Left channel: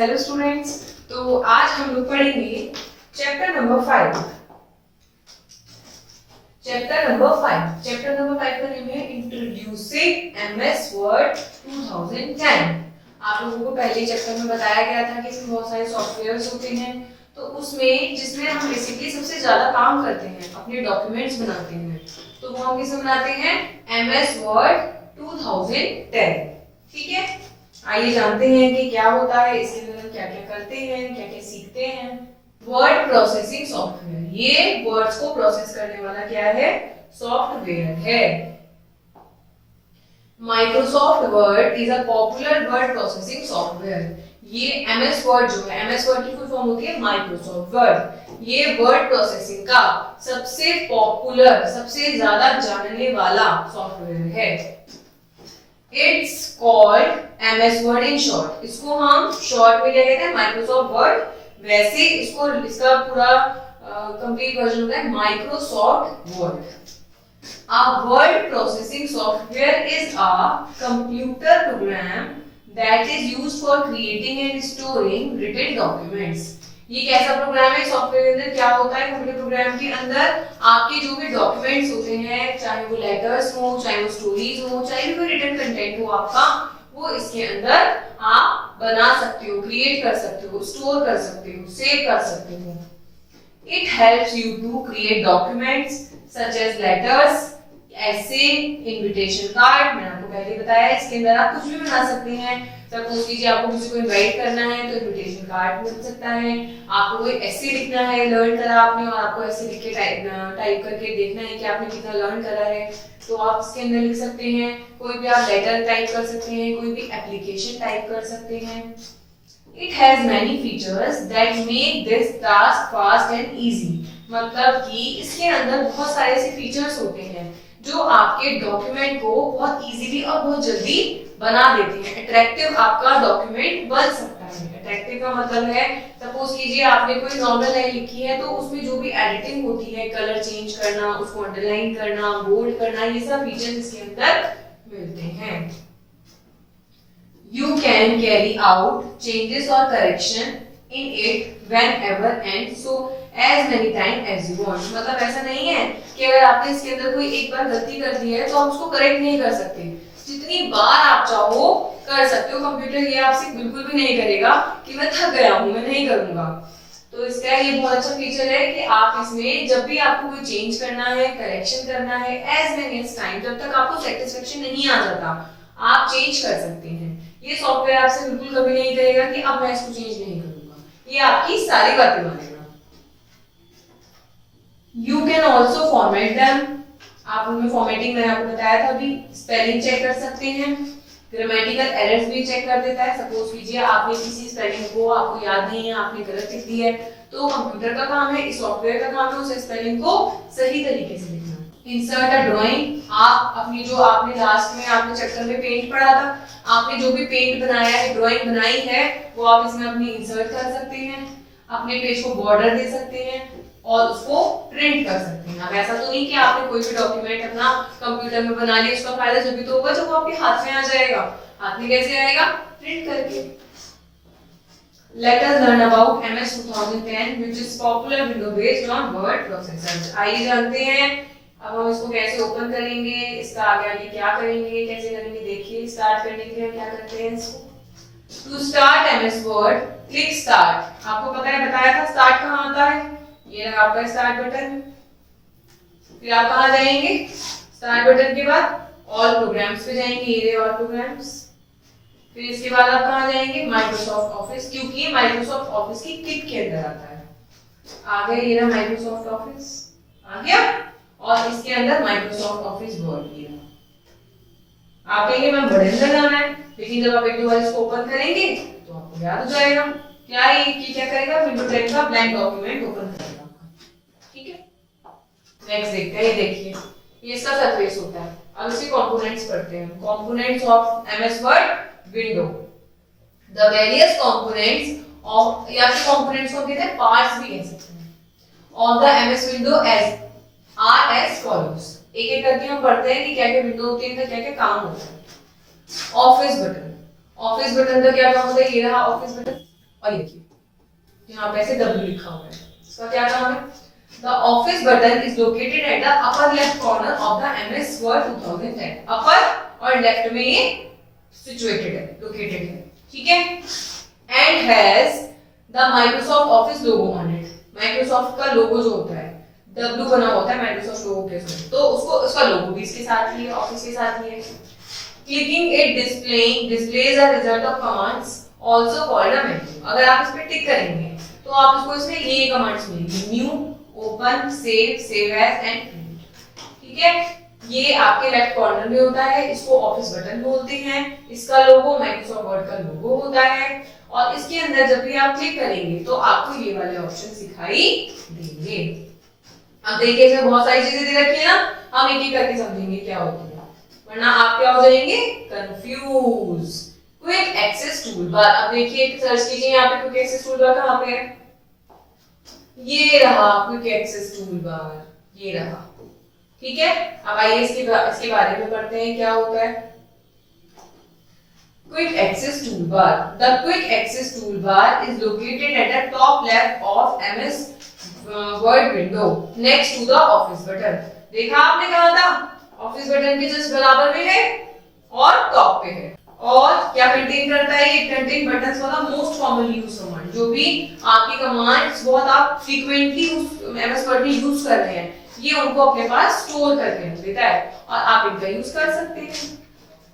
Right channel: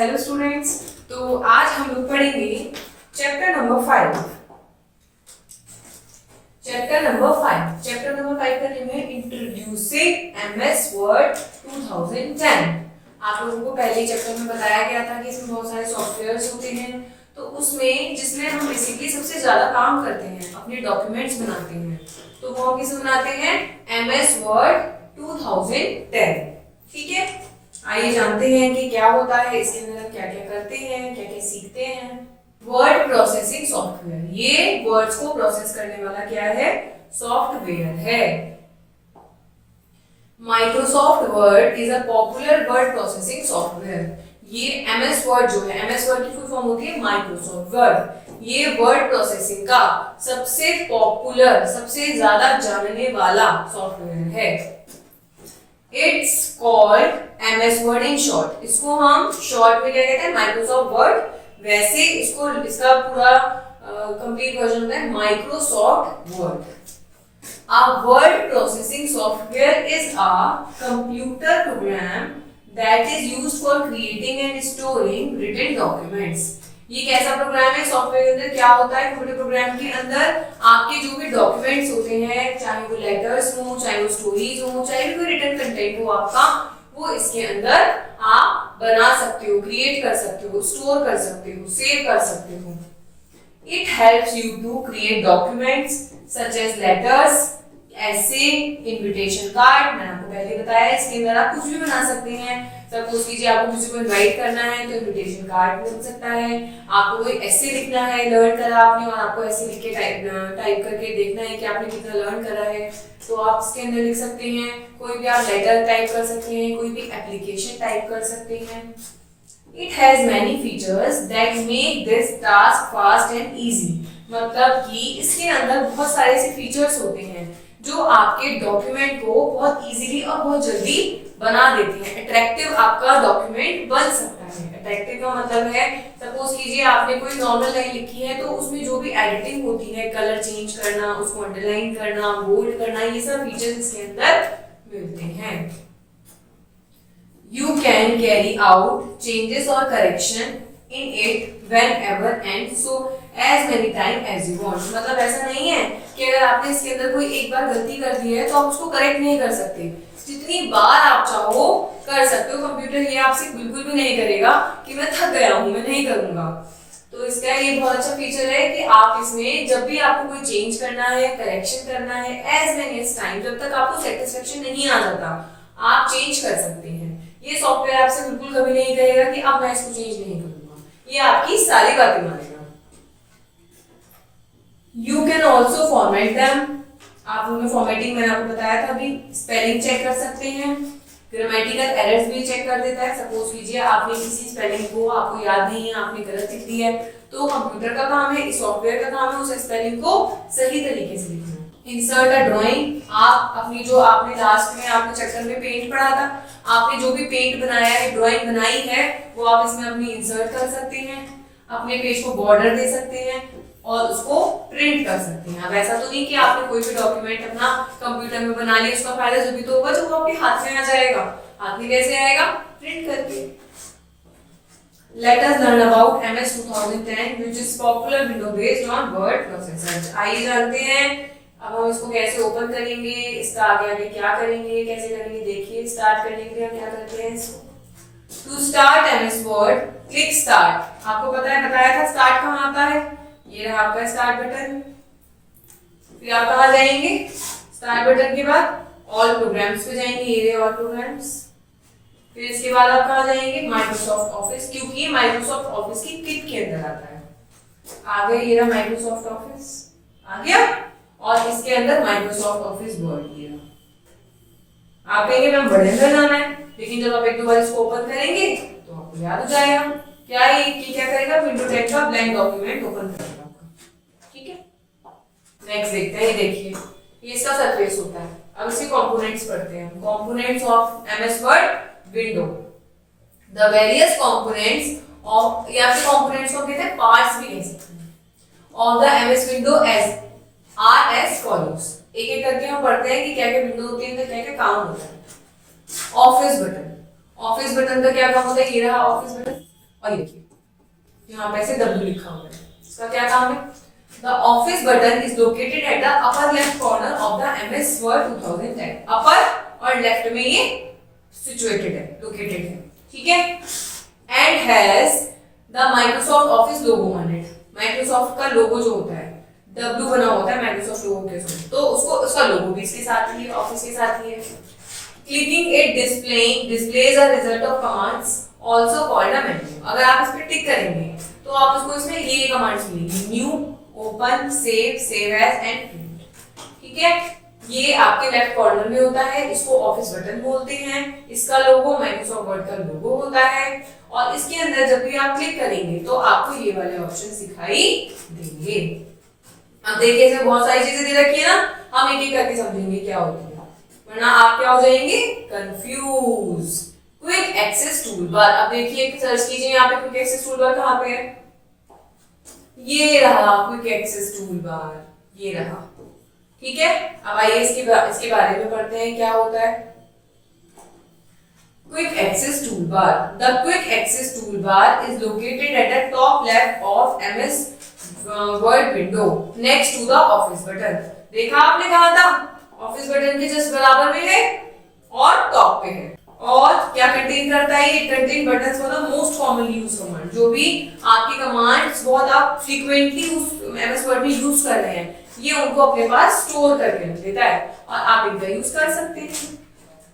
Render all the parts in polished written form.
Hello students. तो आज हम लोग पढ़ेंगे चैप्टर नंबर 5। चैप्टर नंबर 5 का नेम है इंट्रोड्यूसिंग एमएस वर्ड 2010। आप लोगों को पहले चैप्टर में बताया गया था कि इसमें बहुत सारे सॉफ्टवेयर्स होते हैं, तो उसमें जिसमें हम बेसिकली सबसे ज्यादा काम करते हैं, अपने डॉक्यूमेंट्स बनाते हैं, तो वो हम किसे बनाते हैं? MS Word 2010। ठीक है, आइए जानते हैं कि क्या होता है, इसके अंदर हम क्या क्या करते हैं, क्या क्या सीखते हैं। वर्ड प्रोसेसिंग सॉफ्टवेयर, ये वर्ड्स को प्रोसेस करने वाला क्या है? सॉफ्टवेयर है। Microsoft word is a popular word processing software. ये एमएस वर्ड जो है, एमएस वर्ड की फुल फॉर्म होती है माइक्रोसॉफ्ट वर्ड। ये वर्ड प्रोसेसिंग का सबसे पॉपुलर, सबसे ज्यादा जानने वाला सॉफ्टवेयर है। It's called MS word in short. इसको हम शॉर्ट में क्या कहते हैं? Microsoft word. वैसे इसको, इसका पूरा कंप्लीट वर्जन होता है Microsoft word. A word processing software is a computer program that is used for creating and storing written documents. ये कैसा प्रोग्राम है? सॉफ्टवेयर के अंदर क्या होता है? कंप्यूटर प्रोग्राम के अंदर आपके जो भी डॉक्यूमेंट्स होते हैं, चाहे वो लेटर्स हो, चाहे वो स्टोरीज हो, चाहे कोई रिटन कंटेंट हो आपका, वो इसके अंदर आप बना सकते हो, क्रिएट कर सकते हो, स्टोर कर सकते हो, सेव कर सकते हो। It helps you to create documents such as letters, ऐसे इनविटेशन कार्ड। मैंने आपको पहले बताया, इसके अंदर आप कुछ भी बना सकते हैं। सपोज कीजिए आपको किसी को इनवाइट करना है तो इनविटेशन कार्ड मिल सकता है। आपको कोई ऐसे लिखना है, लर्न करा आपने, और आपको ऐसे लिख के टाइप करके देखना है कि आपने कितना लर्न करा है, तो आप इसके अंदर लिख सकते हैं। कोई भी आप लेटर टाइप कर सकते हैं, कोई भी एप्लीकेशन टाइप कर सकते हैं। It has many features that make this task fast and easy। मतलब कि इसके अंदर बहुत सारे ऐसे फीचर्स होते हैं जो आपके डॉक्यूमेंट को बहुत इजीली और बहुत जल्दी बना देते हैं। अट्रैक्टिव आपका डॉक्यूमेंट बन सकता है। अट्रैक्टिव का मतलब है, सपोज कीजिए आपने कोई नॉर्मल लाइन लिखी है, तो उसमें जो भी एडिटिंग होती है, कलर चेंज करना, उसको अंडरलाइन करना, बोल्ड करना, ये सब फीचर्स इसके अंदर मिलते हैं। You can carry out changes or correction in it whenever and so as many times as you want। मतलब ऐसा नहीं है कि अगर आपने इसके अंदर कोई एक बार गलती कर दी है तो आप उसको करेक्ट नहीं कर सकते। जितनी बार आप चाहो कर सकते हो। कंप्यूटर ये आपसे बिल्कुल भी नहीं करेगा कि मैं थक गया हूँ, मैं नहीं करूंगा। तो इसका ये बहुत अच्छा फीचर है कि आप इसमें जब भी आपको कोई चेंज करना है, करेक्शन करना है, as many as time, जब तक आपको सेटिस्फेक्शन नहीं आ जाता, आप चेंज कर सकते हैं। ये सॉफ्टवेयर आपसे बिल्कुल कभी नहीं करेगा कि अब मैं इसको चेंज नहीं करूंगा, ये आपकी सारी बातें मानेगा। You can also format them. आप उनमें फॉर्मेटिंग मैंने आपको बताया था अभी। स्पेलिंग चेक कर सकते हैं, ग्रामेटिकल एरर्स भी चेक कर देता है। सपोज कीजिए आपने किसी स्पेलिंग को आपको याद नहीं है, आपने गलत लिख दी है, तो कंप्यूटर का काम है, इस सॉफ्टवेयर का काम है उस स्पेलिंग को सही तरीके से लिखना। Insert a drawing. आप अपनी जो आपने लास्ट में आपने चैप्टर में पेंट पढ़ा था, आपने जो भी पेंट बनाया है, ड्राइंग बनाई है, वो आप इसमें अपनी इंसर्ट कर सकते हैं। अपने पेज को बॉर्डर दे सकते हैं और उसको प्रिंट कर सकते हैं। अब ऐसा तो नहीं कि आपने कोई भी डॉक्यूमेंट अपना कंप्यूटर में बना लिया, उसका फायदा जो भी तो होगा जब वो आपके हाथ में आ जाएगा। हाथ में कैसे आएगा? प्रिंट करके। Let us learn about MS 2010 which is popular window based on word processor। आइए जानते हैं अब हम इसको कैसे ओपन करेंगे, इसका आगे आगे क्या करेंगे, कैसे करेंगे। देखिए, स्टार्ट करने के लिए क्या करते हैं इसको। To start MS Word click start. आपको पता है, बताया था स्टार्ट कहाँ आता है, ये रहा आपका स्टार्ट बटन। फिर आप कहाँ जाएंगे? स्टार्ट बटन के बाद ऑल प्रोग्राम्स पे जाएंगे, ये ऑल प्रोग्राम्स। फिर इसके बाद आप कहाँ जाएंगे? माइक्रोसॉफ्ट ऑफिस, क्योंकि माइक्रोसॉफ्ट ऑफिस की किट के अंदर आता है। आ गया, ये रहा माइक्रोसॉफ्ट ऑफिस आ गया, और इसके अंदर माइक्रोसॉफ्ट ऑफिस वर्ड। ये आप कहेंगे मैम बड़े अंदर जाना है, लेकिन जब आप एक दो बार इसको ओपन करेंगे तो आपको याद हो जाएगा। क्या ये क्या करेगा? विंडो 10 का ब्लैंक डॉक्यूमेंट ओपन करेगा। ठीक है, नेक्स्ट देखते हैं। ये देखिए, ये इसका सरफेस होता है। अब इसके कंपोनेंट्स पढ़ते हैं। Components of MS Word window. The various components of, या फिर कंपोनेंट्स को कहते हैं पार्ट्स भी कह सकते हैं, of the MS window as are as follows. एक एक करके हम पढ़ते हैं कि क्या क्या विंडो होती है, क्या क्या काम होता है। Office button. ऑफिस बटन का क्या काम होता है? ये रहा ऑफिस बटन। और ये देखिए यहाँ पे ऐसे W लिखा हुआ है, इसका क्या काम है? The office button is located at the upper left corner of the MS Word 2010. Upper और left में ये situated है, located है, ठीक है? And has the Microsoft Office logo on it. Microsoft का लोगो जो होता है W बना होता है Microsoft लोगो के साथ, तो उसको उसका लोगो भी इसके साथ ही है, ऑफिस के साथ ही है। Clicking it displays a result of commands also called a menu. अगर आप इस पे टिक करेंगे तो आप उसको इसमें ये कमांड्स मिलेंगी, new, open, save as and print, ठीक है? ये आपके लेफ्ट कॉर्नर में होता है, इसको ऑफिस बटन बोलते हैं, इसका लोगो माइक्रोसॉफ्ट वर्ड का लोगो होता है, और इसके अंदर जब भी आप क्लिक करेंगे तो आपको ये वाले ऑप्शन दिखाई देंगे। अब देखिए इसमें बहुत सारी चीजें दे रखी है ना, हम एक एक करके समझेंगे क्या होती है, वरना आप क्या हो जाएंगे? कंफ्यूज। क्विक एक्सेस टूलबार, अब देखिए सर्च कीजिए यहाँ पे क्विक एक्सेस टूलबार कहाँ पे है? ये रहा क्विक एक्सेस टूलबार, ये रहा, ठीक है? अब आइए इसके बारे में पढ़ते हैं क्या होता है। Quick Access Toolbar. The Quick Access Toolbar is located at the top left of MS Word window next to the Office button. देखा आपने कहा था ऑफिस बटन के जस्ट बराबर में है और टॉप पे है, और क्या कंटेन करता है? ये contain buttons for the most commonly used command, जो भी आपकी कमांड्स बहुत आप फ्रीक्वेंटली एमएस वर्ड में यूज कर रहे हैं, ये उनको अपने पास स्टोर करके रख देता है और आप इनका यूज कर सकते हैं।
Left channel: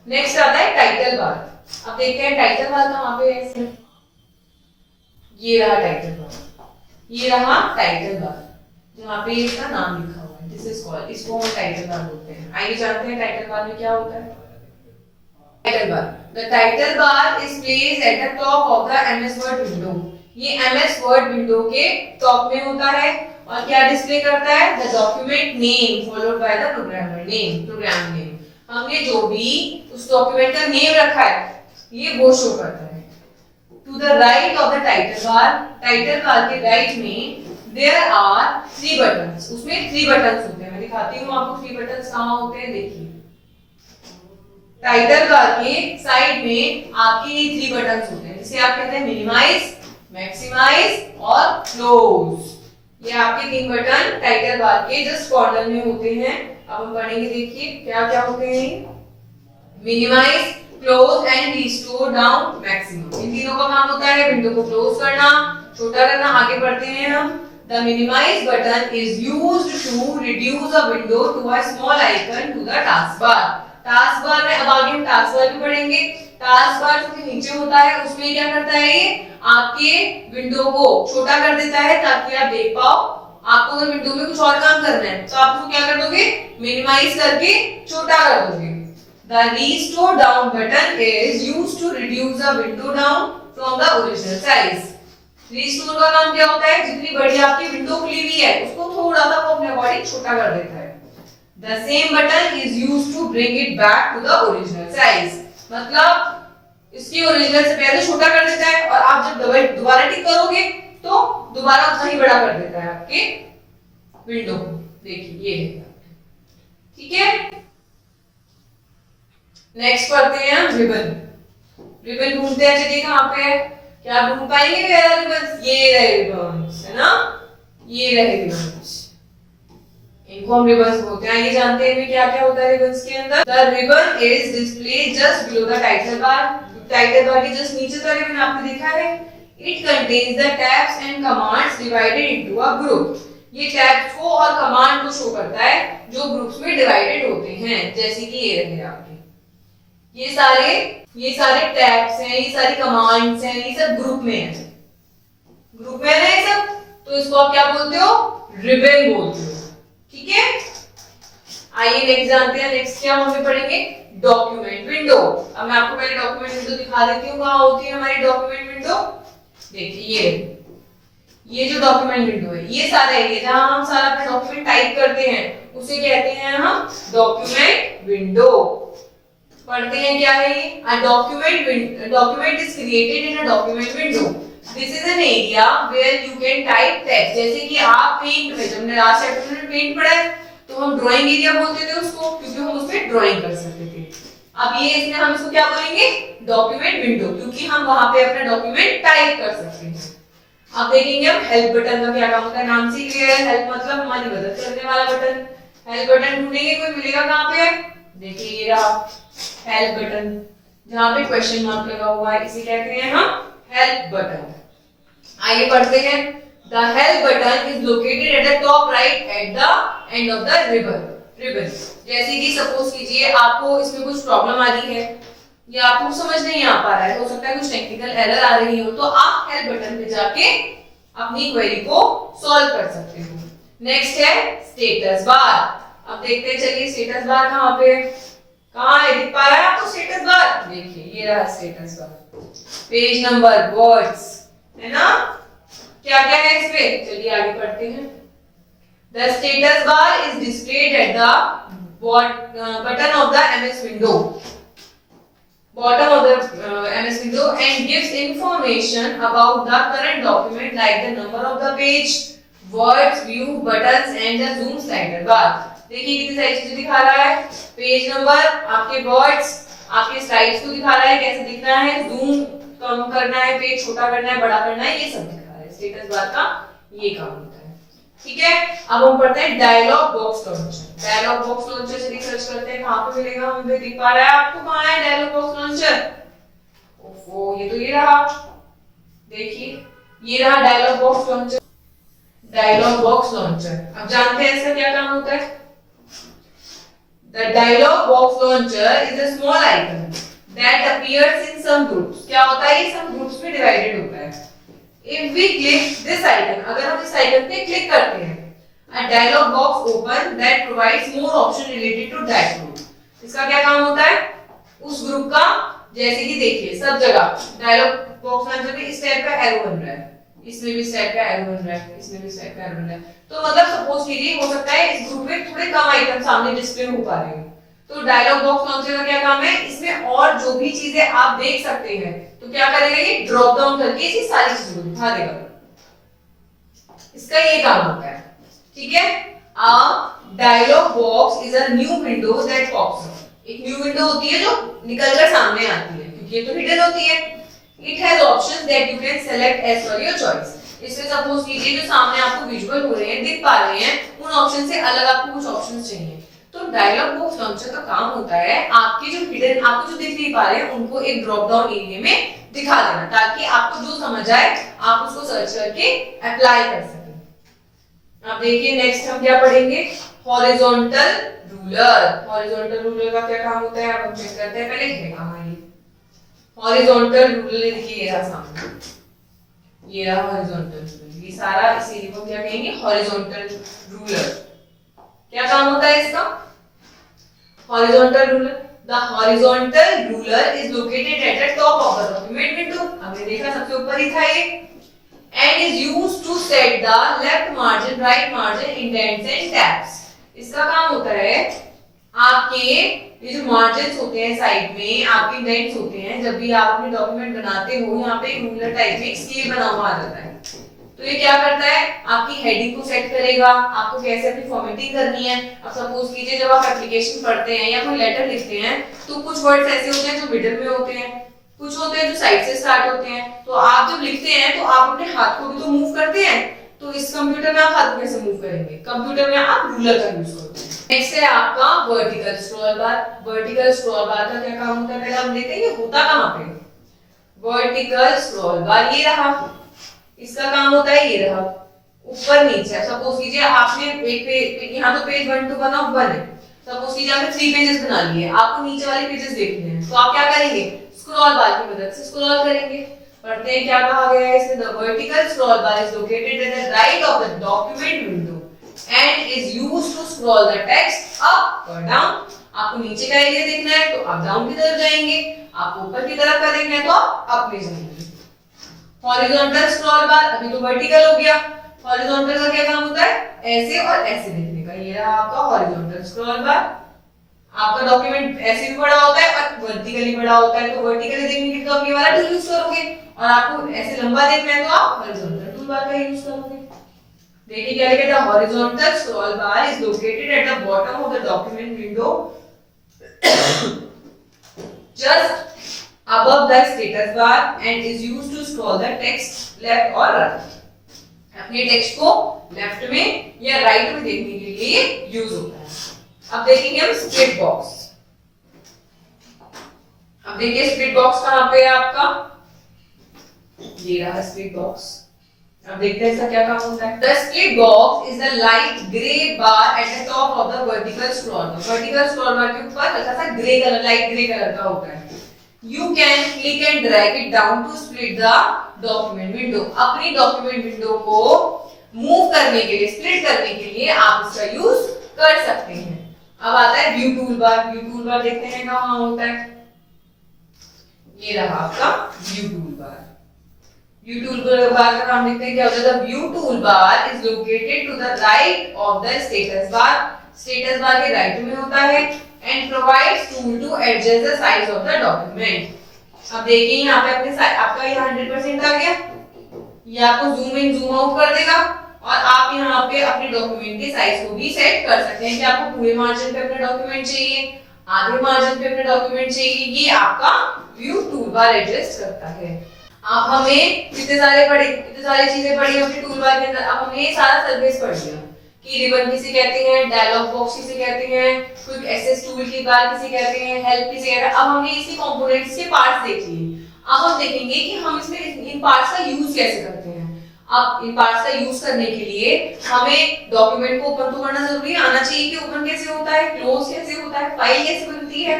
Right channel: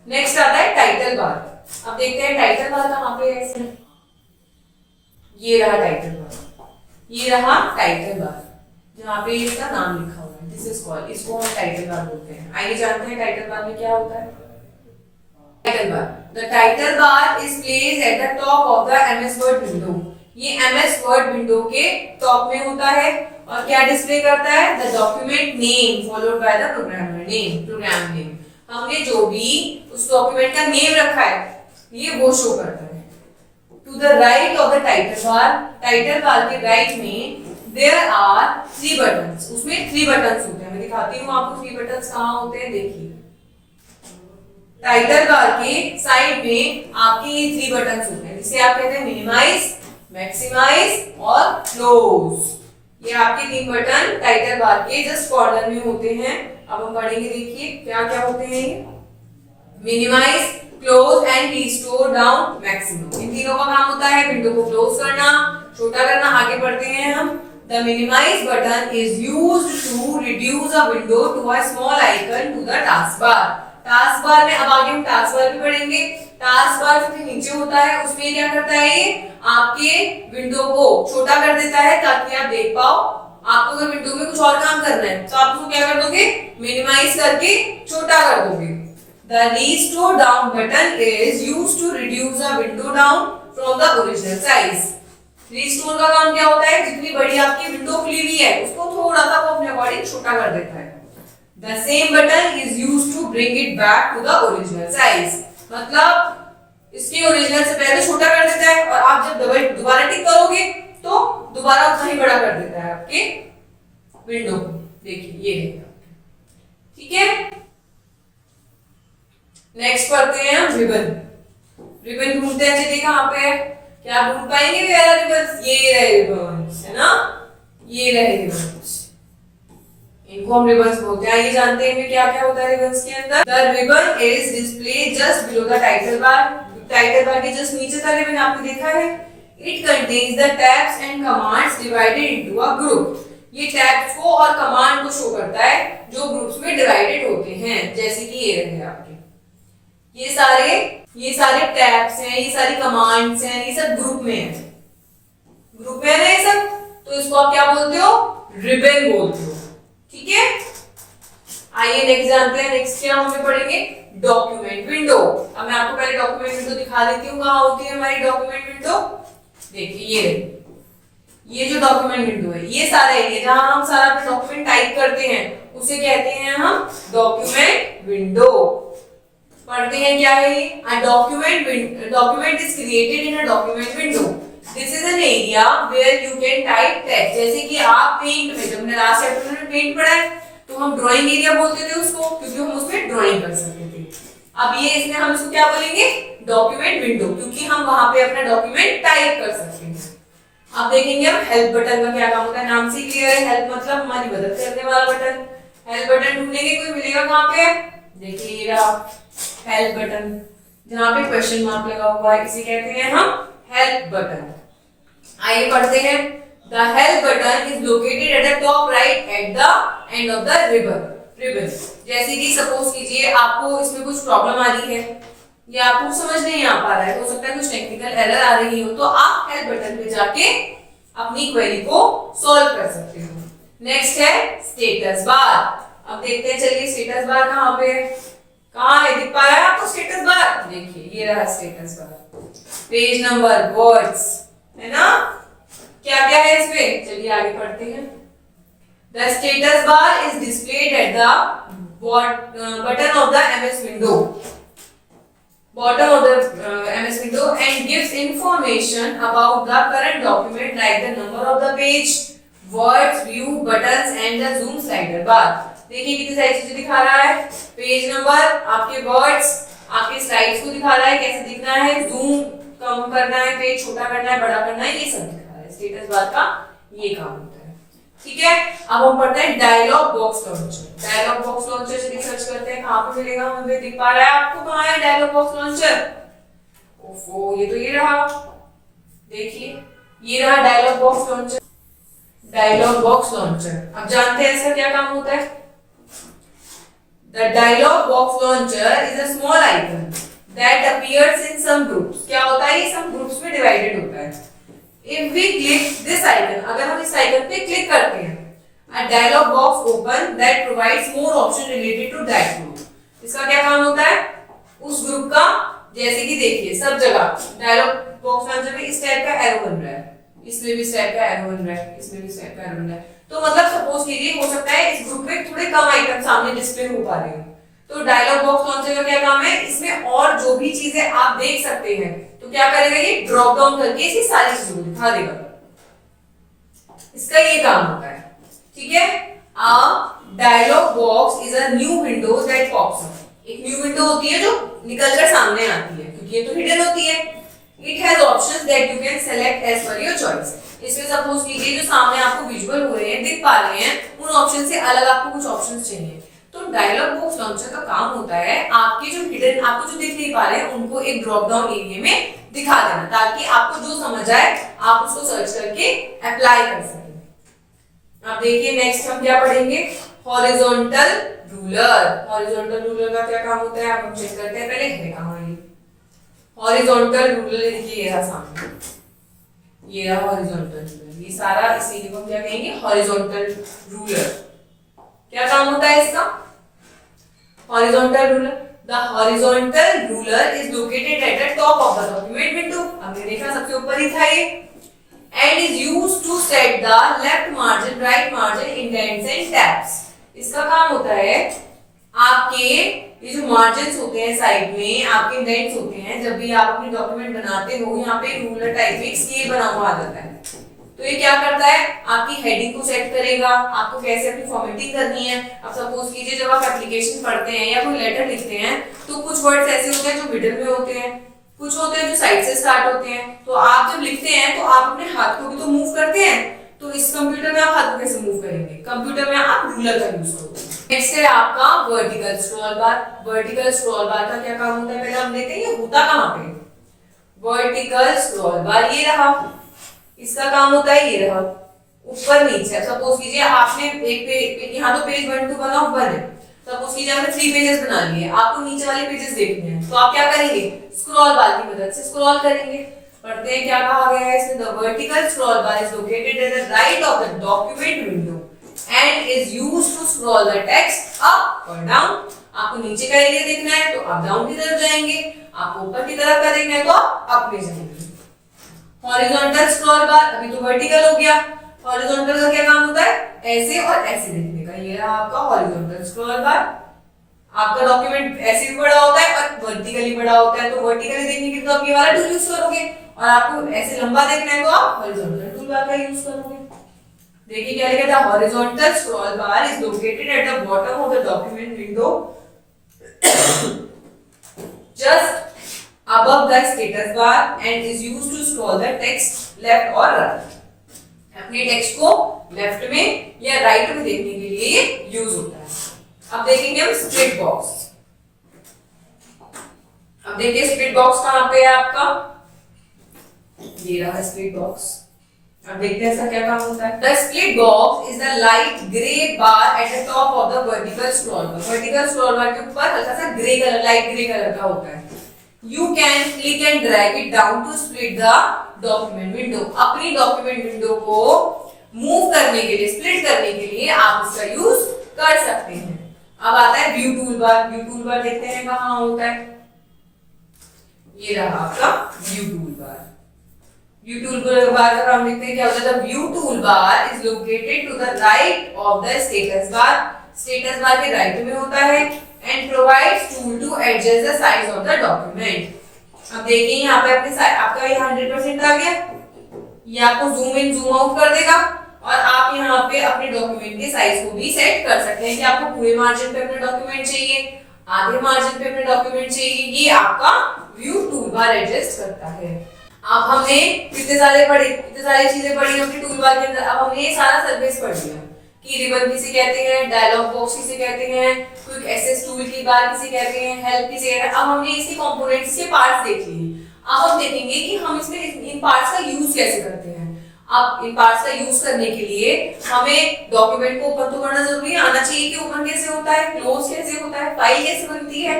नेक्स्ट आता है टाइटल बार। अब देखते हैं टाइटल बार कहाँ पे है इसमें। ये रहा टाइटल बार, ये रहा टाइटल बार जहाँ पे इसका नाम लिखा हुआ है, दिस इज कॉल्ड, इसको हम टाइटल बार बोलते हैं। आइए जानते हैं टाइटल बार में क्या होता है। Title bar, the title bar is placed at the top of the MS Word window. ये एमएस वर्ड विंडो के टॉप में होता है और क्या डिस्प्ले करता है? The document name followed by the programmer name, program name. हमने जो भी उस डॉक्यूमेंट का नेम रखा है ये वो शो करता है। To the right of the title bar के राइट में देयर आर 3 बटन्स, उसमें 3 बटन्स होते हैं। मैं दिखाती हूँ आपको 3 बटन्स कहाँ होते हैं। देखिए टाइटल बार के साइड में आपके ये 3 बटन्स होते हैं, जिसे आप कहते हैं मिनिमाइज, मैक्सिमाइज और क्लोज। ये आपके 3 बटन टाइटल बार के जस्ट कॉर्नर में होते हैं। अब हम पढ़ेंगे, देखिए क्या क्या होते हैं ये। Minimise, close and restore down, maximum. इन तीनों का काम होता है विंडो को क्लोज करना, छोटा करना। आगे बढ़ते हैं हम। The minimise button is used to reduce a window to a small icon to the taskbar. Taskbar में अब आगे हम टास्क बार भी पढ़ेंगे। टास्क बार जो नीचे होता है उसमें क्या करता है, ये आपके विंडो को छोटा कर देता है ताकि आप देख पाओ। आपको अगर विंडो में कुछ और काम करना है तो आप उसको क्या कर दोगे, मिनिमाइज करके छोटा कर दोगे। The restore down button is used to reduce the window down from the original size. Restore का काम क्या होता है, जितनी बड़ी आपकी विंडो खुली हुई है उसको थोड़ा सा वो अपने अकॉर्डिंग छोटा कर देता है। The same button is used to bring it back to the original size. मतलब इसके ओरिजिनल से पहले छोटा कर देता है और आप जब दोबारा टिक करोगे तो दोबारा उतना ही बड़ा कर देता है आपके विंडो को। देखिए ये है, ठीक है। नेक्स्ट पढ़ते हैं हम रिबन। रिबन ढूंढते हैं, चलिए कहाँ पे है, क्या आप ढूंढ पाएंगे रिबन? ये रहे रिबन्स, है ना, ये रहे रिबन्स, इनको हम रिबन्स बोलते हैं। ये जानते हैं क्या क्या होता है रिबन्स के अंदर। The ribbon is display just below the title bar. Title bar के जस्ट नीचे का रिबन आपने देखा है। It contains the tabs and commands divided into a group. ये टैब्स को और कमांड को शो करता है जो ग्रुप्स में डिवाइडेड होते हैं, जैसे कि ये रहे आपके ये सारे टैब्स हैं, ये सारी कमांड्स हैं, ये सब ग्रुप में है, ग्रुप में है ना ये सब। तो इसको आप क्या बोलते हो, रिबन बोलते हो, ठीक है। आइए नेक्स्ट जानते हैं। नेक्स्ट क्या हम पढ़ेंगे, डॉक्यूमेंट विंडो। अब मैं आपको पहले डॉक्यूमेंट विंडो दिखा देती हूँ कहाँ होती है हमारी डॉक्यूमेंट विंडो। देखिए ये जो डॉक्यूमेंट विंडो है, ये सारा एरिया जहां हम सारा अपना डॉक्यूमेंट टाइप करते हैं उसे कहते हैं हम डॉक्यूमेंट विंडो। पढ़ते हैं क्या है ये। A document is created in a document window. This is an area where you can type text. जैसे कि आप पेंट में, जब हमने लास्ट चैप्टर में पेंट पढ़ा है तो हम ड्राइंग एरिया बोलते थे उसको, क्योंकि हम उसमें ड्राइंग कर सकते थे। अब ये इसमें हम इसको क्या बोलेंगे, डॉक्यूमेंट विंडो, क्योंकि हम वहां पे अपना डॉक्यूमेंट टाइप कर सकते हैं। अब देखेंगे हम हेल्प बटन का क्या काम होता है, नाम से क्लियर है, हेल्प मतलब हमारी मदद करने वाला बटन। हेल्प बटन ढूंढेंगे, कोई मिलेगा कहां पे, देखिए ये रहा हेल्प बटन, जहां पे क्वेश्चन मार्क लगा हुआ है, इसे कहते हैं हम हेल्प बटन। आइए पढ़ते हैं। The help button is located at the top right at the end of the ribbon. जैसे कि सपोज कीजिए आपको इसमें कुछ प्रॉब्लम आ रही है या आपको समझ नहीं आ पा रहा है, हो सकता है कुछ टेक्निकल एरर आ रही हो, तो आप हेल्प बटन पे जाके अपनी क्वेरी को सॉल्व कर सकते हो। नेक्स्ट है स्टेटस बार। अब देखते हैं, चलिए स्टेटस बार कहाँ पे, कहाँ है, दिख पा रहा है आपको स्टेटस बार, देखिए ये रहा status bar, page number, words, है ना, क्या क्या है इसमें, चलिए आगे पढ़ते हैं। The status bar is displayed at the button of the MS window, bottom of the MS window, and gives information about the current document like the number of the page, words, view, buttons, and the zoom slider bar. देखिए कितनी सारी चीजें दिखा रहा है, page number, आपके words, आपके slides को दिखा रहा है, कैसे दिखना है, जूम कम करना है, पेज छोटा करना है, बड़ा करना है, ये सब दिखा रहा है। स्टेटस बार का ये काम होता है। ठीक है, अब हम पढ़ते हैं dialog box launcher. Dialog box launcher से सर्च करते हैं, कहां पे मिलेगा, हमें दिख पा रहा है आपको, कहां है डायलॉग बॉक्स लॉन्चर, ओफो ये तो ये रहा, देखिए ये रहा dialog box launcher. Dialog box launcher, अब जानते हैं इसका क्या काम होता है। The dialog box launcher is a small icon that appears in some groups. क्या होता है, ये सम ग्रुप्स में डिवाइडेड होता है। If we click this icon, अगर हम इस आइकन पे क्लिक करते हैं, a dialog box open that provides more option related to that group। इसका क्या काम होता है, उस ग्रुप का, जैसे कि देखिए सब जगह डायलॉग बॉक्स लॉन्चर में इस टाइप का एरो बन रहा है, इसमें भी इस टाइप का एरो बन रहा है, इसमें भी इस टाइप का एरो बन रहा है, तो मतलब सपोज कीजिए हो सकता है इस ग्रुप में थोड़े कम आइकन सामने डिस्प्ले हो पा रहे हो, तो डायलॉग बॉक्स लॉन्चर का क्या काम है, इसमें और जो भी चीजें आप देख सकते हैं तो क्या करेगा, ये ड्रॉप डाउन करके इसी सारी चीजों को दिखा देगा, इसका ये काम होता है। ठीक है, a dialog box is a new window that pops up. एक न्यू विंडो होती है जो निकलकर सामने आती है, क्योंकि ये तो हिडन होती है। It has options that you can select as per your choice. इसमें सपोज कीजिए जो सामने आपको विजुअल हो रहे हैं, दिख पा रहे हैं, उन ऑप्शन से अलग आपको कुछ ऑप्शंस चाहिए, तो डायलॉग बॉक्स लॉन्चर का काम होता है आपके जो हिडन, आपको जो दिख नहीं पा रहे हैं उनको एक ड्रॉप डाउन एरिया में दिखा देना, ताकि आपको जो समझ आए आप उसको सर्च करके अप्लाई कर सकें। अब देखिए नेक्स्ट हम क्या पढ़ेंगे, हॉरिजॉन्टल रूलर। हॉरिजॉन्टल रूलर का क्या काम होता है, अब हम चेक करते हैं, पहले है कहां ये हॉरिजॉन्टल रूलर, देखिए ये रहा सामने, ये रहा हॉरिजॉन्टल रूलर, ये सारा इसी को क्या कहेंगे, हॉरिजॉन्टल रूलर। क्या काम होता है इसका, horizontal ruler, the horizontal ruler is located at the top of the document window. हमने देखा सबसे ऊपर ही था ये, and is used to set the left margin, right margin, indents and tabs. इसका काम होता है आपके ये जो मार्जिन्स होते हैं साइड में, आपके इंडेंट्स होते हैं, जब भी आप अपने डॉक्यूमेंट बनाते हो, यहाँ पे रूलर टाइप में एक स्केल बना हुआ आ जाता है, तो ये क्या करता है, आपकी हेडिंग को सेट करेगा, आपको कैसे अपनी फॉर्मेटिंग करनी है। अब सपोज कीजिए जब आप एप्लीकेशन पढ़ते हैं या कोई लेटर लिखते हैं, तो कुछ वर्ड्स ऐसे होते हैं जो मिडिल में होते हैं, कुछ होते हैं जो साइड से स्टार्ट होते हैं, तो आप जब लिखते हैं तो आप अपने हाथ को भी तो मूव करते हैं, तो इस कंप्यूटर में आप हाथ को कैसे मूव करेंगे, कंप्यूटर में आप रूलर का यूज करोगे। नेक्स्ट है आपका वर्टिकल स्क्रॉल बार। वर्टिकल स्क्रॉल बार का क्या काम होता है, पहले हम देखते हैं ये होता कहाँ पे, वर्टिकल स्क्रॉल बार ये रहा, इसका काम होता है ये रहा, ऊपर नीचे। सपोज कीजिए आपने एक यहाँ तो पेज 1 to 1 of 1 है, सपोज कीजिए आपने 3 पेजेस बना लिए, आपको नीचे वाले पेजेस देखने हैं, तो आप क्या करेंगे, स्क्रॉल बार की मदद से स्क्रॉल करेंगे। पढ़ते हैं क्या कहा गया है इसमें, the vertical scroll bar is located at the right of the document window and is used to scroll the text up और डाउन। आपको नीचे का एरिया देखना है तो आप डाउन की तरफ जाएंगे, आपको ऊपर की तरफ का देखना है तो आप अप में जाएंगे। हॉरिजॉन्टल स्क्रॉल बार, अभी तो वर्टिकल हो गया, हॉरिजॉन्टल का क्या काम होता है, ऐसे और ऐसे देखने का। ये रहा आपका हॉरिजॉन्टल स्क्रॉल बार। आपका डॉक्यूमेंट ऐसे भी बड़ा होता है और वर्टिकली बड़ा होता है, तो वर्टिकली देखने के लिए तो आप ये वाला टूल यूज करोगे, और आपको ऐसे लंबा देखना है तो आप हॉरिजॉन्टल टूल बार का यूज करोगे। देखिए क्या लिखा था, horizontal scroll bar is located at the bottom of the document window just above the status bar and is used to scroll the text left or right. अपने text को left में या राइट में देखने के लिए ये यूज होता है। अब देखेंगे हम स्प्लिट बॉक्स। अब देखिए स्प्लिट बॉक्स कहां पे है आपका, ये रहा स्प्लिट बॉक्स। अब देखते हैं इसका क्या काम होता है। The split box is the light grey bar eight the top of the vertical scroll bar. Vertical scroll बार के ऊपर हल्का सा grey colour, light grey colour का होता है। You can click and drag it down to split the document window। अपनी document window को move करने के लिए, स्प्लिट करने के लिए आप इसका यूज कर सकते हैं। अब आता है view toolbar. View toolbar देखते हैं कहां होता है, ये रहा आपका view toolbar. View toolbar का हम देखते हैं क्या होता है। The view toolbar is located to the right of the status bar. Status bar के राइट में होता है and provides tool to adjust the size of the document। अब देखिए यहाँ पे अपने आपका ये 100% आ गया, ये आपको जूम इन जूम आउट कर देगा और आप यहाँ पे अपने डॉक्यूमेंट के साइज को भी सेट कर सकते हैं कि आपको पूरे मार्जिन पे अपना डॉक्यूमेंट चाहिए, आधे मार्जिन पे अपना डॉक्यूमेंट चाहिए, ये आपका व्यू टूल बार एडजस्ट करता है। अब हमें इतने सारी चीजें पढ़ी अपने टूल बार के अंदर। अब हमने ये सारा सर्विस पढ़ लिया कि रिबन किसे कहते हैं, डायलॉग बॉक्स किसे कहते हैं, क्विक एक्सेस टूल की बार किसे कहते हैं, हेल्प किसे कहते हैं। अब हमने इसी कंपोनेंट्स के पार्ट्स देख लिए। अब हम देखेंगे कि हम इसमें इन पार्ट्स का यूज कैसे करते हैं। अब इन पार्ट्स का यूज करने के लिए हमें डॉक्यूमेंट को ओपन तो करना जरूरी है, आना चाहिए कि ओपन कैसे होता है, क्लोज कैसे होता है, फाइल कैसे बनती है।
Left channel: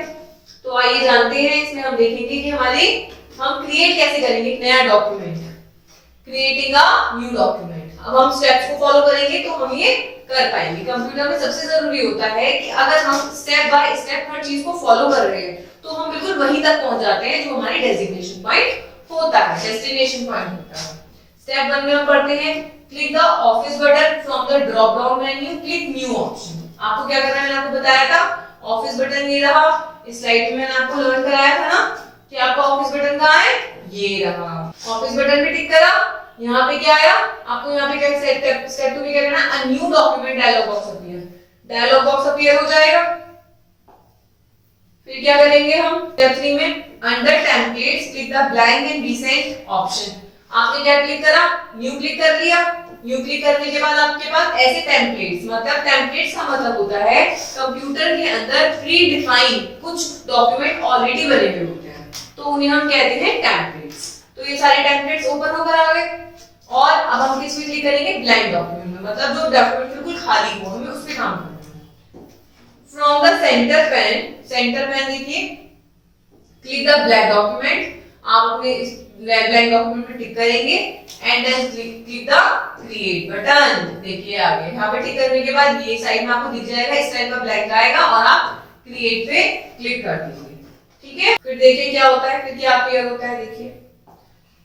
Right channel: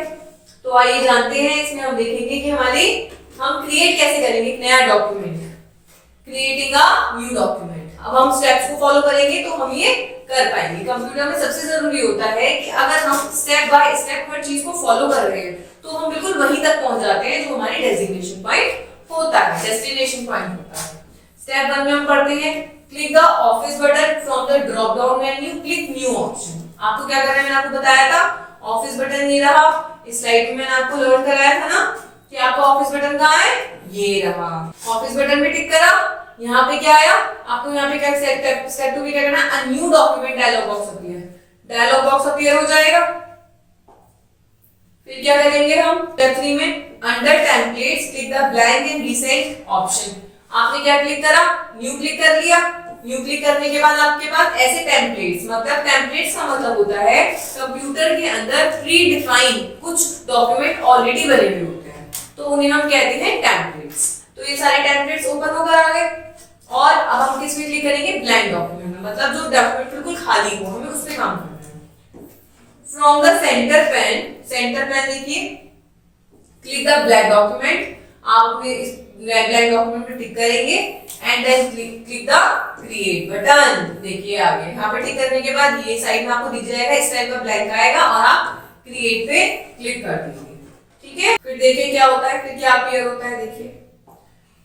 तो आइए जानते हैं। इसमें हम देखेंगे कि हम क्रिएट कैसे करेंगे एक नया document, creating a new document. अब हम स्टेप्स को फॉलो करेंगे तो हम ये कर पाएंगे। कंप्यूटर में सबसे जरूरी होता है कि अगर हम स्टेप बाय स्टेप हर चीज को फॉलो कर रहे हैं तो हम बिल्कुल वहीं तक पहुंच जाते हैं जो हमारी डेजिग्नेशन पॉइंट होता है, डेस्टिनेशन पॉइंट होता है। स्टेप 1 में हम पढ़ते हैं click the office button from the drop down menu, click new option. आपको क्या करना है, मैंने आपको बताया था ऑफिस बटन ये रहा। इस स्लाइड में मैंने आपको लर्न कराया था ना कि आपका ऑफिस बटन कहाँ है, ये रहा। ऑफिस बटन पे टिक करा, यहाँ पे क्या आया, आपको यहाँ पे क्या स्टेप 2 में क्या करना है, a new document dialog box appear, dialog box appear हो जाएगा। फिर क्या करेंगे हम स्टेप 3 में under templates click the blank and recent option. आपने क्या क्लिक करा, न्यू क्लिक कर लिया। न्यू क्लिक करने के बाद आपके पास ऐसे टेम्पलेट्स, मतलब टेम्पलेट्स का मतलब होता है कंप्यूटर के अंदर प्री डिफाइन कुछ डॉक्यूमेंट ऑलरेडी बने हुए होते हैं, तो उन्हें हम कहते हैं टेम्पलेट्स। तो ये सारे टेम्पलेट्स ओपन होकर आ गए और अब हम किस में क्लिक करेंगे, ब्लैंक डॉक्यूमेंट में, मतलब जो डॉक्यूमेंट बिल्कुल खाली हो, हमें उस पे काम करना है। फ्रॉम द सेंटर पेन देखिए क्लिक द ब्लैंक डॉक्यूमेंट। आप अपने इस ब्लैंक डॉक्यूमेंट में टिक करेंगे and then click the create button. देखिए आ गया, यहाँ पे टिक करने के बाद ये साइड में आपको दिख जाएगा, इस टाइप का ब्लैंक आएगा और आप क्रिएट पे क्लिक कर देंगे। ठीक है, फिर देखिए क्या होता है, फिर क्या अपीयर होता है। देखिए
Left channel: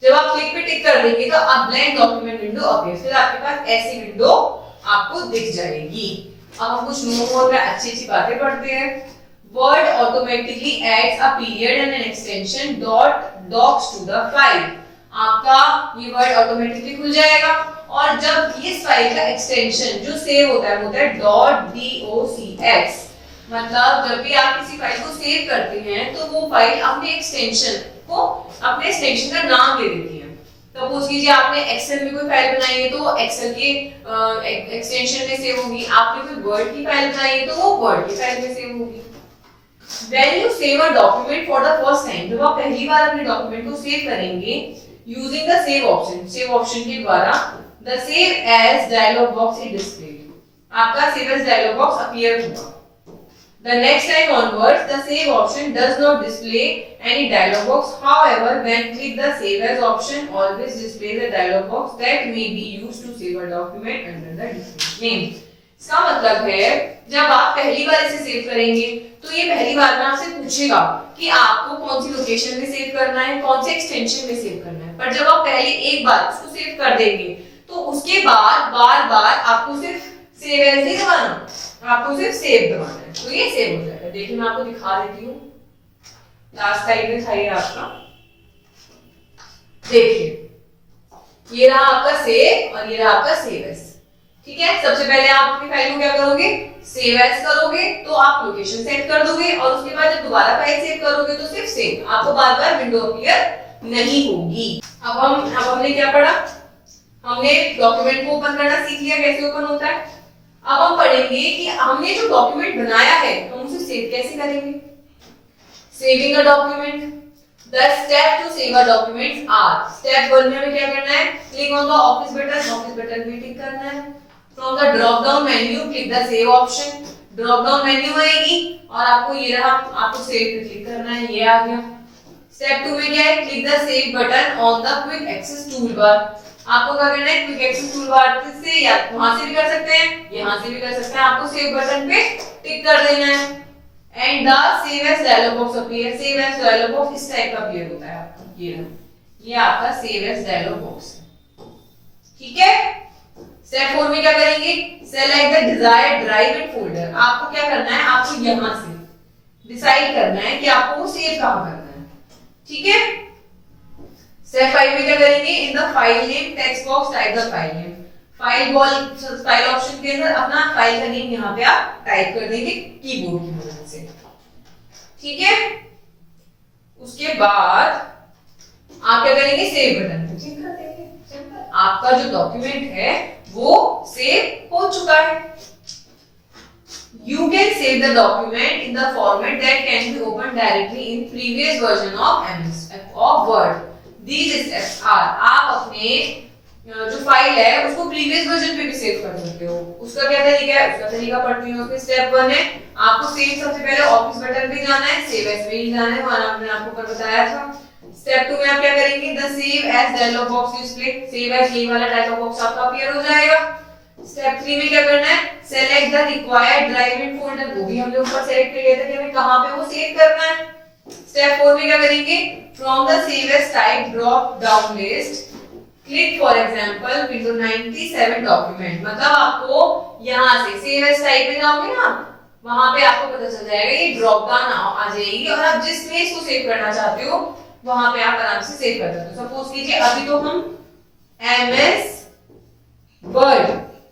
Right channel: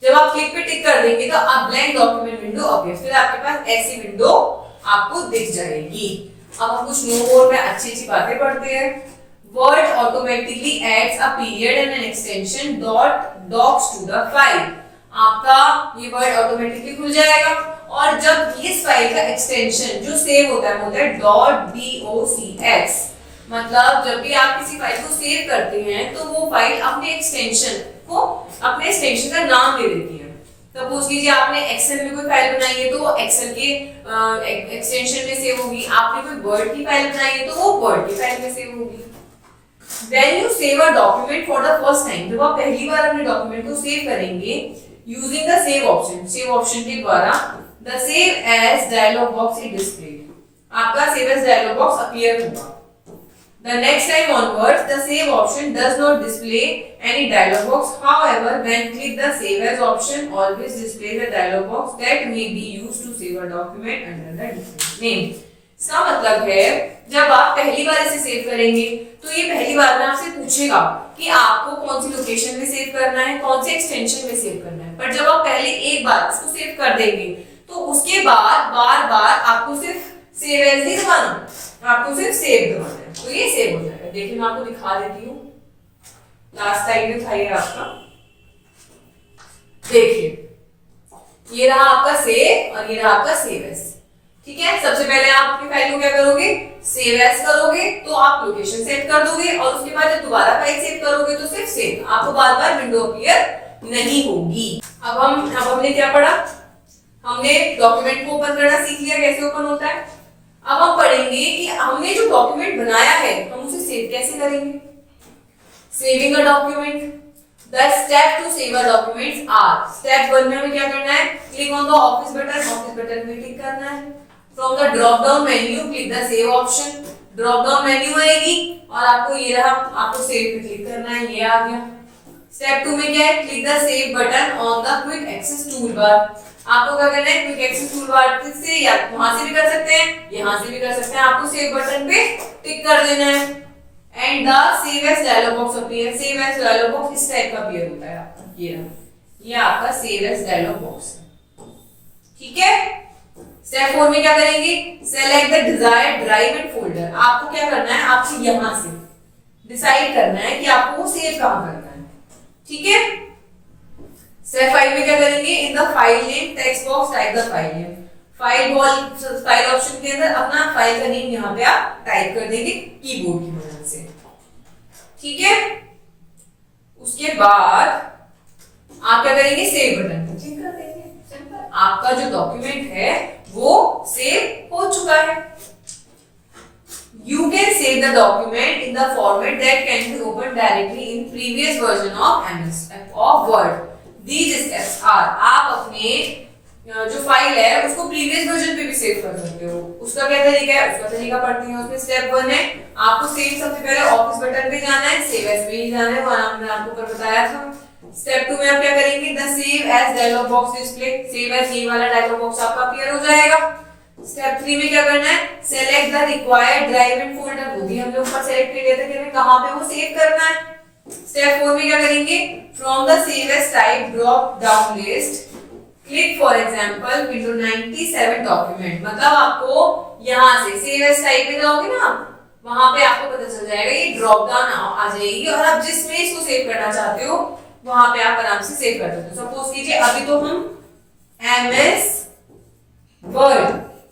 जब आप क्लिक पे टिक कर देंगे तो आप ब्लैंक डॉक्यूमेंट विंडो अपीयर, फिर आपके पास ऐसी विंडो आपको दिख जाएगी। अब हम कुछ मोर में अच्छी बातें पढ़ते हैं। Word automatically adds a period and an extension docx to the file. आपका ये वर्ड ऑटोमेटिकली खुल जाएगा और जब इस फाइल का एक्सटेंशन जो सेव होता है .docx, मतलब जब भी आप किसी फाइल को सेव करते हैं तो वो फाइल अपने एक्सटेंशन का नाम दे देती है। सपोज कीजिए आपने एक्सेल में कोई फाइल बनाई है तो वो एक्सेल के एक्सटेंशन में सेव होगी। आपने कोई वर्ड की फाइल बनाई है तो वो वर्ड की फाइल में सेव होगी। When you save a document for the first time, जब आप पहली बार अपने डॉक्यूमेंट को सेव करेंगे using the save option के द्वारा the save as dialog box is displayed। आपका save as dialog box appear होगा। The next time onwards, the save option does not display any dialog box. However, when click the save as option, always display the dialog box that may be used to save a document under the different name। इसका मतलब है जब आप पहली बार इसे save करेंगे तो ये पहली बार में आपसे पूछेगा कि आपको कौन सी लोकेशन में सेव करना है, कौन से एक्सटेंशन में सेव करना है। पर जब आप पहले एक बार इसको सेव कर देंगे तो उसके बाद बार बार आपको सिर्फ सेव एज नहीं दबाना, आपको सिर्फ सेव दबाना है, तो ये सेव हो जाएगा। देखिए मैं आपको दिखा देती हूँ, लास्ट टाइम में था ये आपका, देखिए ये रहा आपका सेव और ये रहा आपका सेव एज। ठीक है, सबसे पहले आप अपनी फाइल को क्या करोगे, सेव एज करोगे, तो आप लोकेशन सेट कर दोगे और उसके बाद जब दोबारा फाइल सेव करोगे तो सिर्फ सेव, आपको बार बार विंडो अपीयर नहीं होगी। अब हमने क्या पढ़ा, हमने डॉक्यूमेंट को ओपन करना सीख लिया, कैसे ओपन होता है। अब हम पढ़ेंगे कि हमने जो डॉक्यूमेंट बनाया है हम उसे सेव कैसे करेंगे। Saving a document, The step to save a document are, step 1 में हमें क्या करना है, click on the office button पे टिक करना है। From the drop down menu click the save option, drop down menu आएगी और आपको ये रहा, आपको save पे क्लिक करना है, ये आ गया। Step 2 में क्या है, click the save button on the quick access toolbar, आपको क्या करना है, क्विक एक्सेस टूलबार से या वहां से भी कर सकते हैं, यहाँ से भी कर सकते हैं, आपको सेव बटन पे टिक कर देना है। And the save as dialog box appear, save as dialog box इस टाइप का अपीयर होता है आपका, ये आपका सेव एज डायलॉग बॉक्स है, ठीक है। स्टेप 4 में क्या करेंगे, select the desired drive and folder, आपको क्या करना है, आपको यहां से डिसाइड करना है कि आपको वो सेव कहां करना है, ठीक है। स्टेप 5 में क्या करेंगे, in the file name text box type the file name, file option के अंदर अपना फाइल का नेम यहाँ पे आप टाइप कर देंगे कीबोर्ड की मदद से, ठीक है। उसके बाद आप क्या करेंगे, सेव बटन पे क्लिक कर देंगे, सिंपल, आपका जो डॉक्यूमेंट है वो सेव हो चुका है। You can save the document in the format that can be opened directly in previous version of MS of Word. These steps are, आप अपने जो फाइल है उसको प्रीवियस वर्जन पे भी सेव कर सकते हो, उसका क्या तरीका है, उसका तरीका पढ़ते हैं। उसमें स्टेप 1 है, आपको सेव सबसे पहले ऑफिस बटन पे जाना है, सेव एज पे ही जाना है, वहां हमने आपको कर बताया था। स्टेप 2 में आप क्या करेंगे, the save as dialog box display, save as ये वाला डायलॉग बॉक्स आपका अपीयर हो जाएगा। स्टेप 3 में क्या करना है, select the required drive and folder, वो भी हमने ऊपर सेलेक्ट कर लिया था कि हमें कहां पे वो सेव करना है। स्टेप 4 में क्या करेंगे, from the save as type drop down list click for example window 97 document, मतलब आपको यहां से सेव एज टाइप पे जाओगे ना, वहां पे आपको पता चल जाएगा, ये ड्रॉप डाउन आ जाएगी और आप जिसमें इसको सेव करना चाहते हो वहां पे आप आराम से सेव कर सकते हो। सपोज कीजिए अभी तो हम MS वर्ड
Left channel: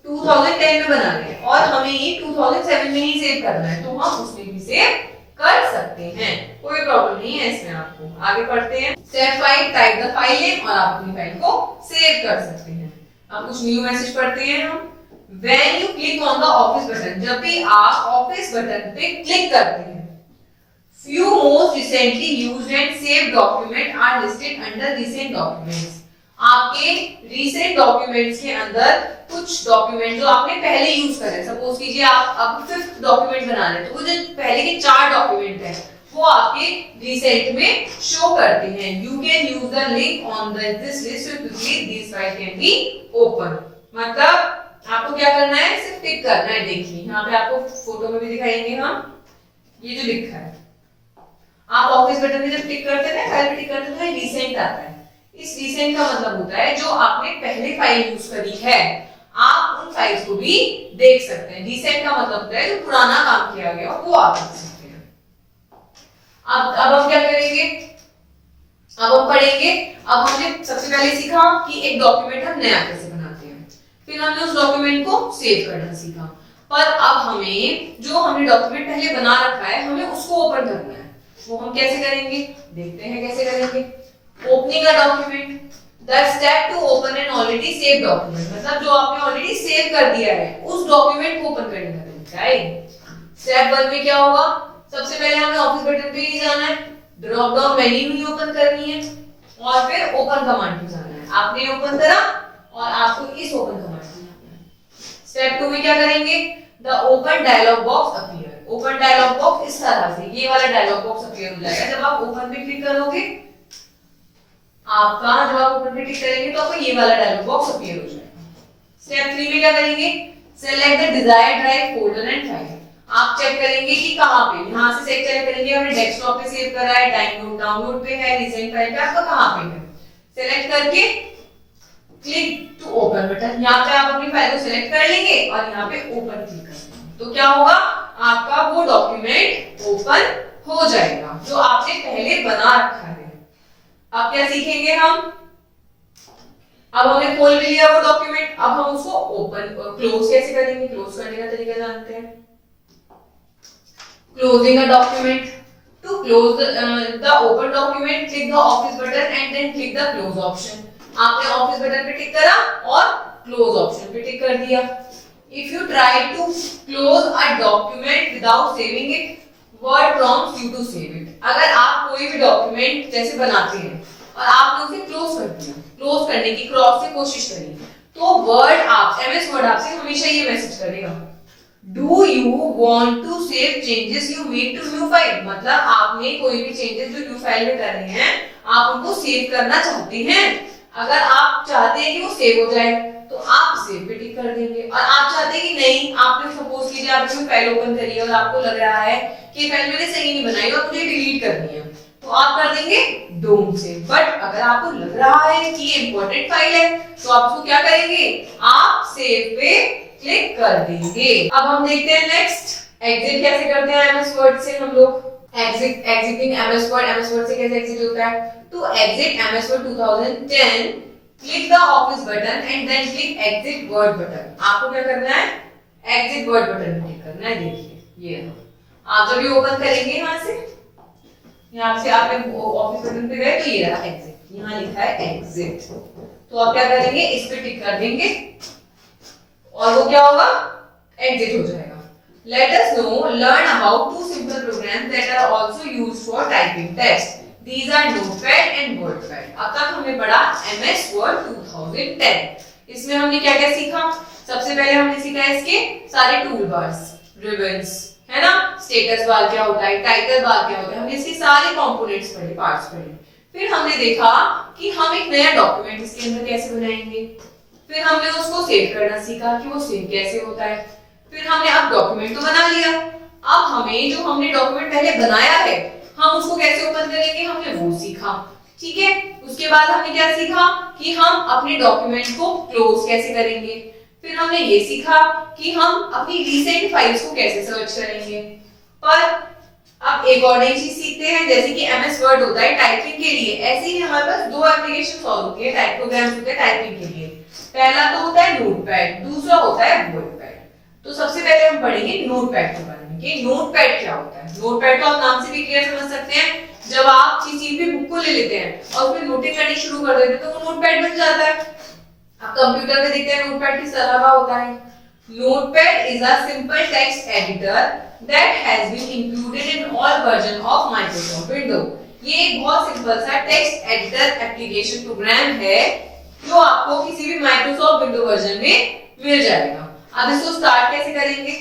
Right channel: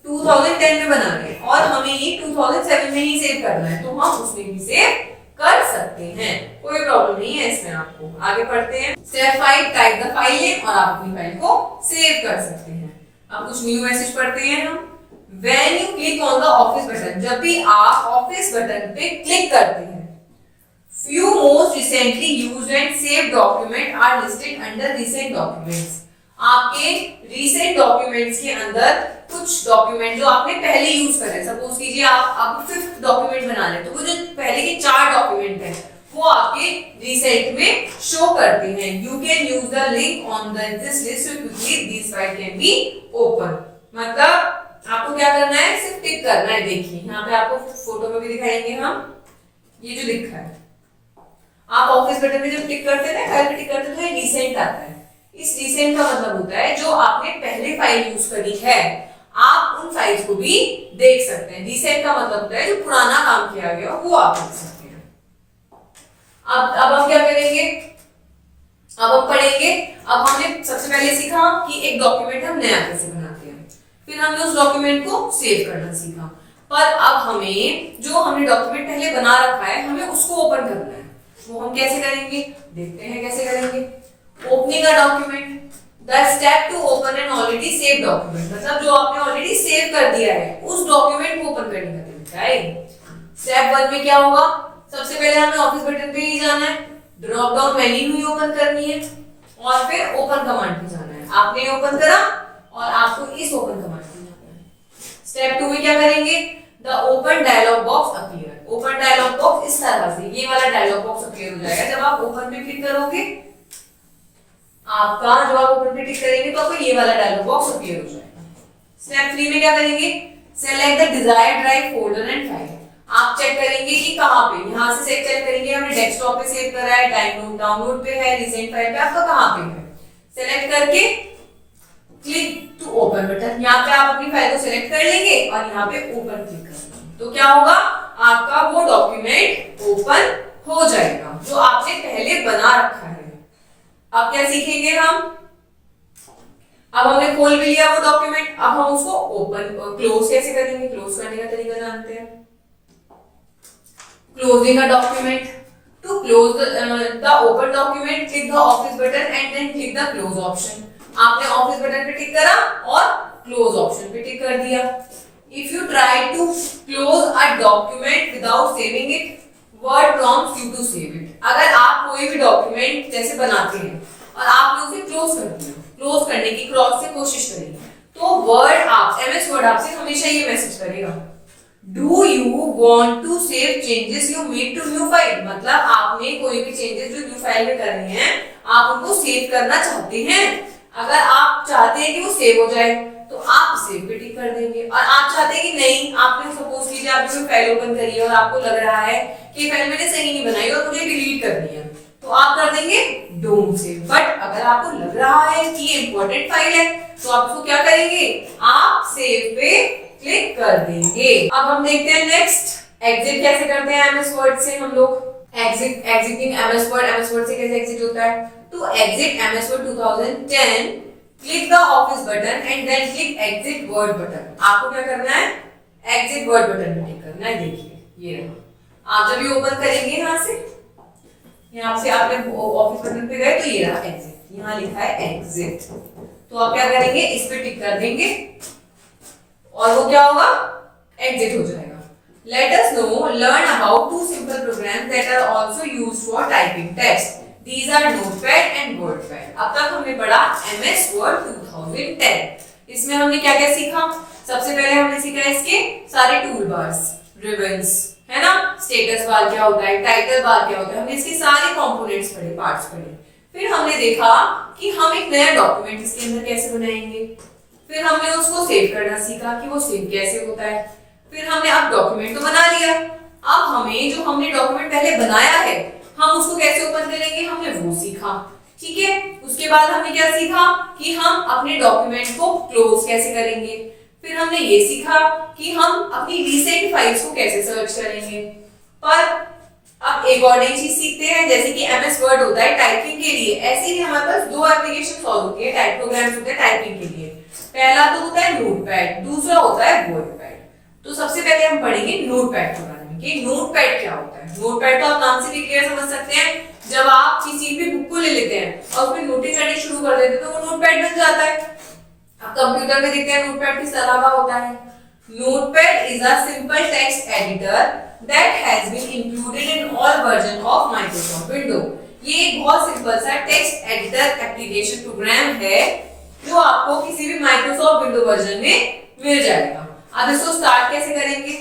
2010 में बना रहे हैं और हमें ये 2007 में ही सेव करना है, तो हम उसमें भी सेव कर सकते हैं, कोई प्रॉब्लम नहीं है इसमें। आपको आगे पढ़ते हैं। Step 5 type the file name, और आप अपनी फाइल को सेव कर सकते हैं। अब कुछ न्यू मैसेज पढ़ते हैं हम। When you click on the office button, जब भी आप ऑफिस बटन पे क्लिक करते हैं, few most recently used and saved document are listed under recent documents, आपके recent documents के अंदर कुछ डॉक्यूमेंट जो आपने पहले यूज करे, सपोज कीजिए आप अब 5th डॉक्यूमेंट बना रहे हैं, तो वो जो पहले के 4 डॉक्यूमेंट हैं वो आपके रिसेंट में शो करते हैं। You can use the link on this list so quickly this file can be open, मतलब आपको क्या करना है, सिर्फ टिक करना है। देखिए यहाँ पे आपको फोटो में भी दिखाएंगे हम, ये जो लिखा है, आप ऑफिस बटन में जब टिक करते हैं, फाइल पे टिक करते हैं तो ये रिसेंट आता है। इस रिसेंट का मतलब होता है जो आपने पहले फाइल यूज करी है आप उन फाइल्स को भी देख सकते हैं। रिसेंट का मतलब होता है जो पुराना काम किया गया वो आप देख सकते हैं। अब हम क्या करेंगे, अब हम पढ़ेंगे। अब हमने सबसे पहले सीखा कि एक डॉक्यूमेंट हम नया कैसे बनाते हैं, फिर हमने उस डॉक्यूमेंट को सेव करना सीखा, पर अब हमें जो हमने डॉक्यूमेंट पहले बना रखा है हमें उसको ओपन करना है। वो हम कैसे करेंगे, देखते हैं कैसे करेंगे। Opening a document, the step to open an already save document, मतलब जो आपने ऑलरेडी सेव कर दिया है उस डॉक्यूमेंट को ओपन करने का तरीका है। स्टेप 1 में क्या होगा, सबसे पहले हमें ऑफिस बटन पे ही जाना है, ड्रॉप डाउन मेन्यू ही ओपन करनी है और फिर ओपन कमांड पे जाना है। आपने ओपन करा और आपको इस ओपन कमांड पे जाना है। स्टेप 2 में क्या करेंगे, the open dialog box appear, open dialog box इस तरह से ये वाला डायलॉग बॉक्स अपीयर हो जाएगा। जब आप ओपन पे क्लिक करोगे, आपका जब आप ओपन पे क्लिक करेंगे तो आपको ये वाला डायलॉग बॉक्स अपीयर हो जाएगा। स्टेप 3 में क्या करेंगे, select the desired drive folder and file, आप चेक करेंगे कि कहां पे, यहां से चेक करेंगे हमने डेस्कटॉप पे सेव करा है, डाउनलोड पे है, रिसेंट फाइल पे आपका कहां पे है। सेलेक्ट करके क्लिक टू ओपन बटन, यहाँ पे आप अपनी फाइल को सिलेक्ट कर लेंगे और यहाँ पे ओपन क्लिक कर देंगे, तो क्या होगा, आपका वो डॉक्यूमेंट ओपन हो जाएगा जो आपने पहले बना रखा है। अब क्या सीखेंगे हम, अब हमने खोल भी लिया वो डॉक्यूमेंट, अब हम उसको ओपन क्लोज कैसे करेंगे, क्लोज करने का तरीका जानते हैं। Closing a document, to close the open document click the office button and then click the close option. आपने ऑफिस बटन पे टिक करा और क्लोज ऑप्शन पे टिक कर दिया। If you try to close a document without saving it, Word prompts you to save it. अगर आप कोई भी डॉक्यूमेंट जैसे बनाते हैं और आपने उसे क्लोज कर दिया, क्लोज करने की क्रॉस से कोशिश करी, तो वर्ड आप एमएस वर्ड आपसे हमेशा ये मैसेज करेगा, do you want to save changes you made to new file. मतलब आपने कोई भी चेंजेस जो न्यू फाइल में करने हैं आप उनको सेव करना चाहते हैं। अगर आप चाहते हैं कि वो सेव हो जाए तो आप सेव पे टिक कर देंगे, और आप चाहते हैं कि नहीं, आपने सपोज कीजिए आपने कोई फाइल ओपन करी है और आपको लग रहा है कि फाइल मैंने सही नहीं बनाई और मुझे डिलीट करनी है, तो आप कर देंगे डोंट सेव। बट अगर आपको लग रहा है कि ये इंपॉर्टेंट फाइल है तो आप उसको क्या करेंगे, आप सेव पे क्लिक कर देंगे। अब हम देखते हैं नेक्स्ट एग्जिट कैसे करते हैं एमएस वर्ड से हम लोग। एग्जिटिंग एमएस वर्ड से कैसे एग्जिट होता है, to exit MS Word 2010 click the office button and then click exit Word button. आपको क्या करना है, एग्जिट वर्ड बटन पे क्लिक करना है। देखिए ये आप जब ये ओपन करेंगे यहाँ से, यहाँ से आपने ऑफिस बटन पे गए तो ये रहा एग्जिट, यहाँ लिखा है एग्जिट, तो आप क्या करेंगे, इस पे टिक कर देंगे और वो क्या होगा, एग्जिट हो जाएगा। Let us know, learn about two simple programs that are also used for typing text. These are Notepad and WordPad. अब तक हमने पढ़ा MS Word 2010। इसमें हमने क्या क्या सीखा, सबसे पहले हमने सीखा इसके सारे टूल बार्स, रिबन्स, है ना, स्टेटस बार क्या होता है, टाइटल बार क्या होता है, हमने इसके सारे कंपोनेंट्स पढ़े, पार्ट्स पढ़े। फिर हमने देखा कि हम एक नया डॉक्यूमेंट इसके अंदर कैसे बनाएंगे। फिर हमने उसको सेव करना सीखा कि वो सेव कैसे होता है। फिर हमने अब डॉक्यूमेंट तो बना लिया, अब हमें जो हमने डॉक्यूमेंट पहले बनाया है हम उसको कैसे ओपन करेंगे, हमने वो सीखा। ठीक है, उसके बाद हमने क्या सीखा कि हम अपने डॉक्यूमेंट को क्लोज कैसे करेंगे। फिर हमने ये सीखा कि हम अपनी रीसेंट फाइल्स को कैसे सर्च करेंगे। पर अब एक और नई चीज सीखते हैं, जैसे कि एमएस वर्ड होता है टाइपिंग के लिए, ऐसे ही हमारे पास दो एप्लीकेशन और होती है, टाइप प्रोग्राम्स होते हैं टाइपिंग के लिए। पहला तो होता है नोटपैड, दूसरा होता है वर्डपैड। तो सबसे पहले हम पढ़ेंगे नोटपैड के बारे में कि नोटपैड क्या होता है। नोटपैड तो आप नाम से भी क्लियर समझ सकते हैं, जब आप किसी भी बुक को ले लेते हैं और उसमें नोटिंग करनी शुरू कर देते हैं तो वो नोटपैड बन जाता है। आप कंप्यूटर पे देखते हैं नोटपैड किस तरह का होता है। Notepad is a simple text editor that has been included in all version of Microsoft window. ये एक बहुत सिंपल सा टेक्स्ट एडिटर एप्लीकेशन प्रोग्राम है जो आपको किसी भी माइक्रोसॉफ्ट विंडो वर्जन में मिल जाएगा। अब इसको स्टार्ट कैसे करेंगे,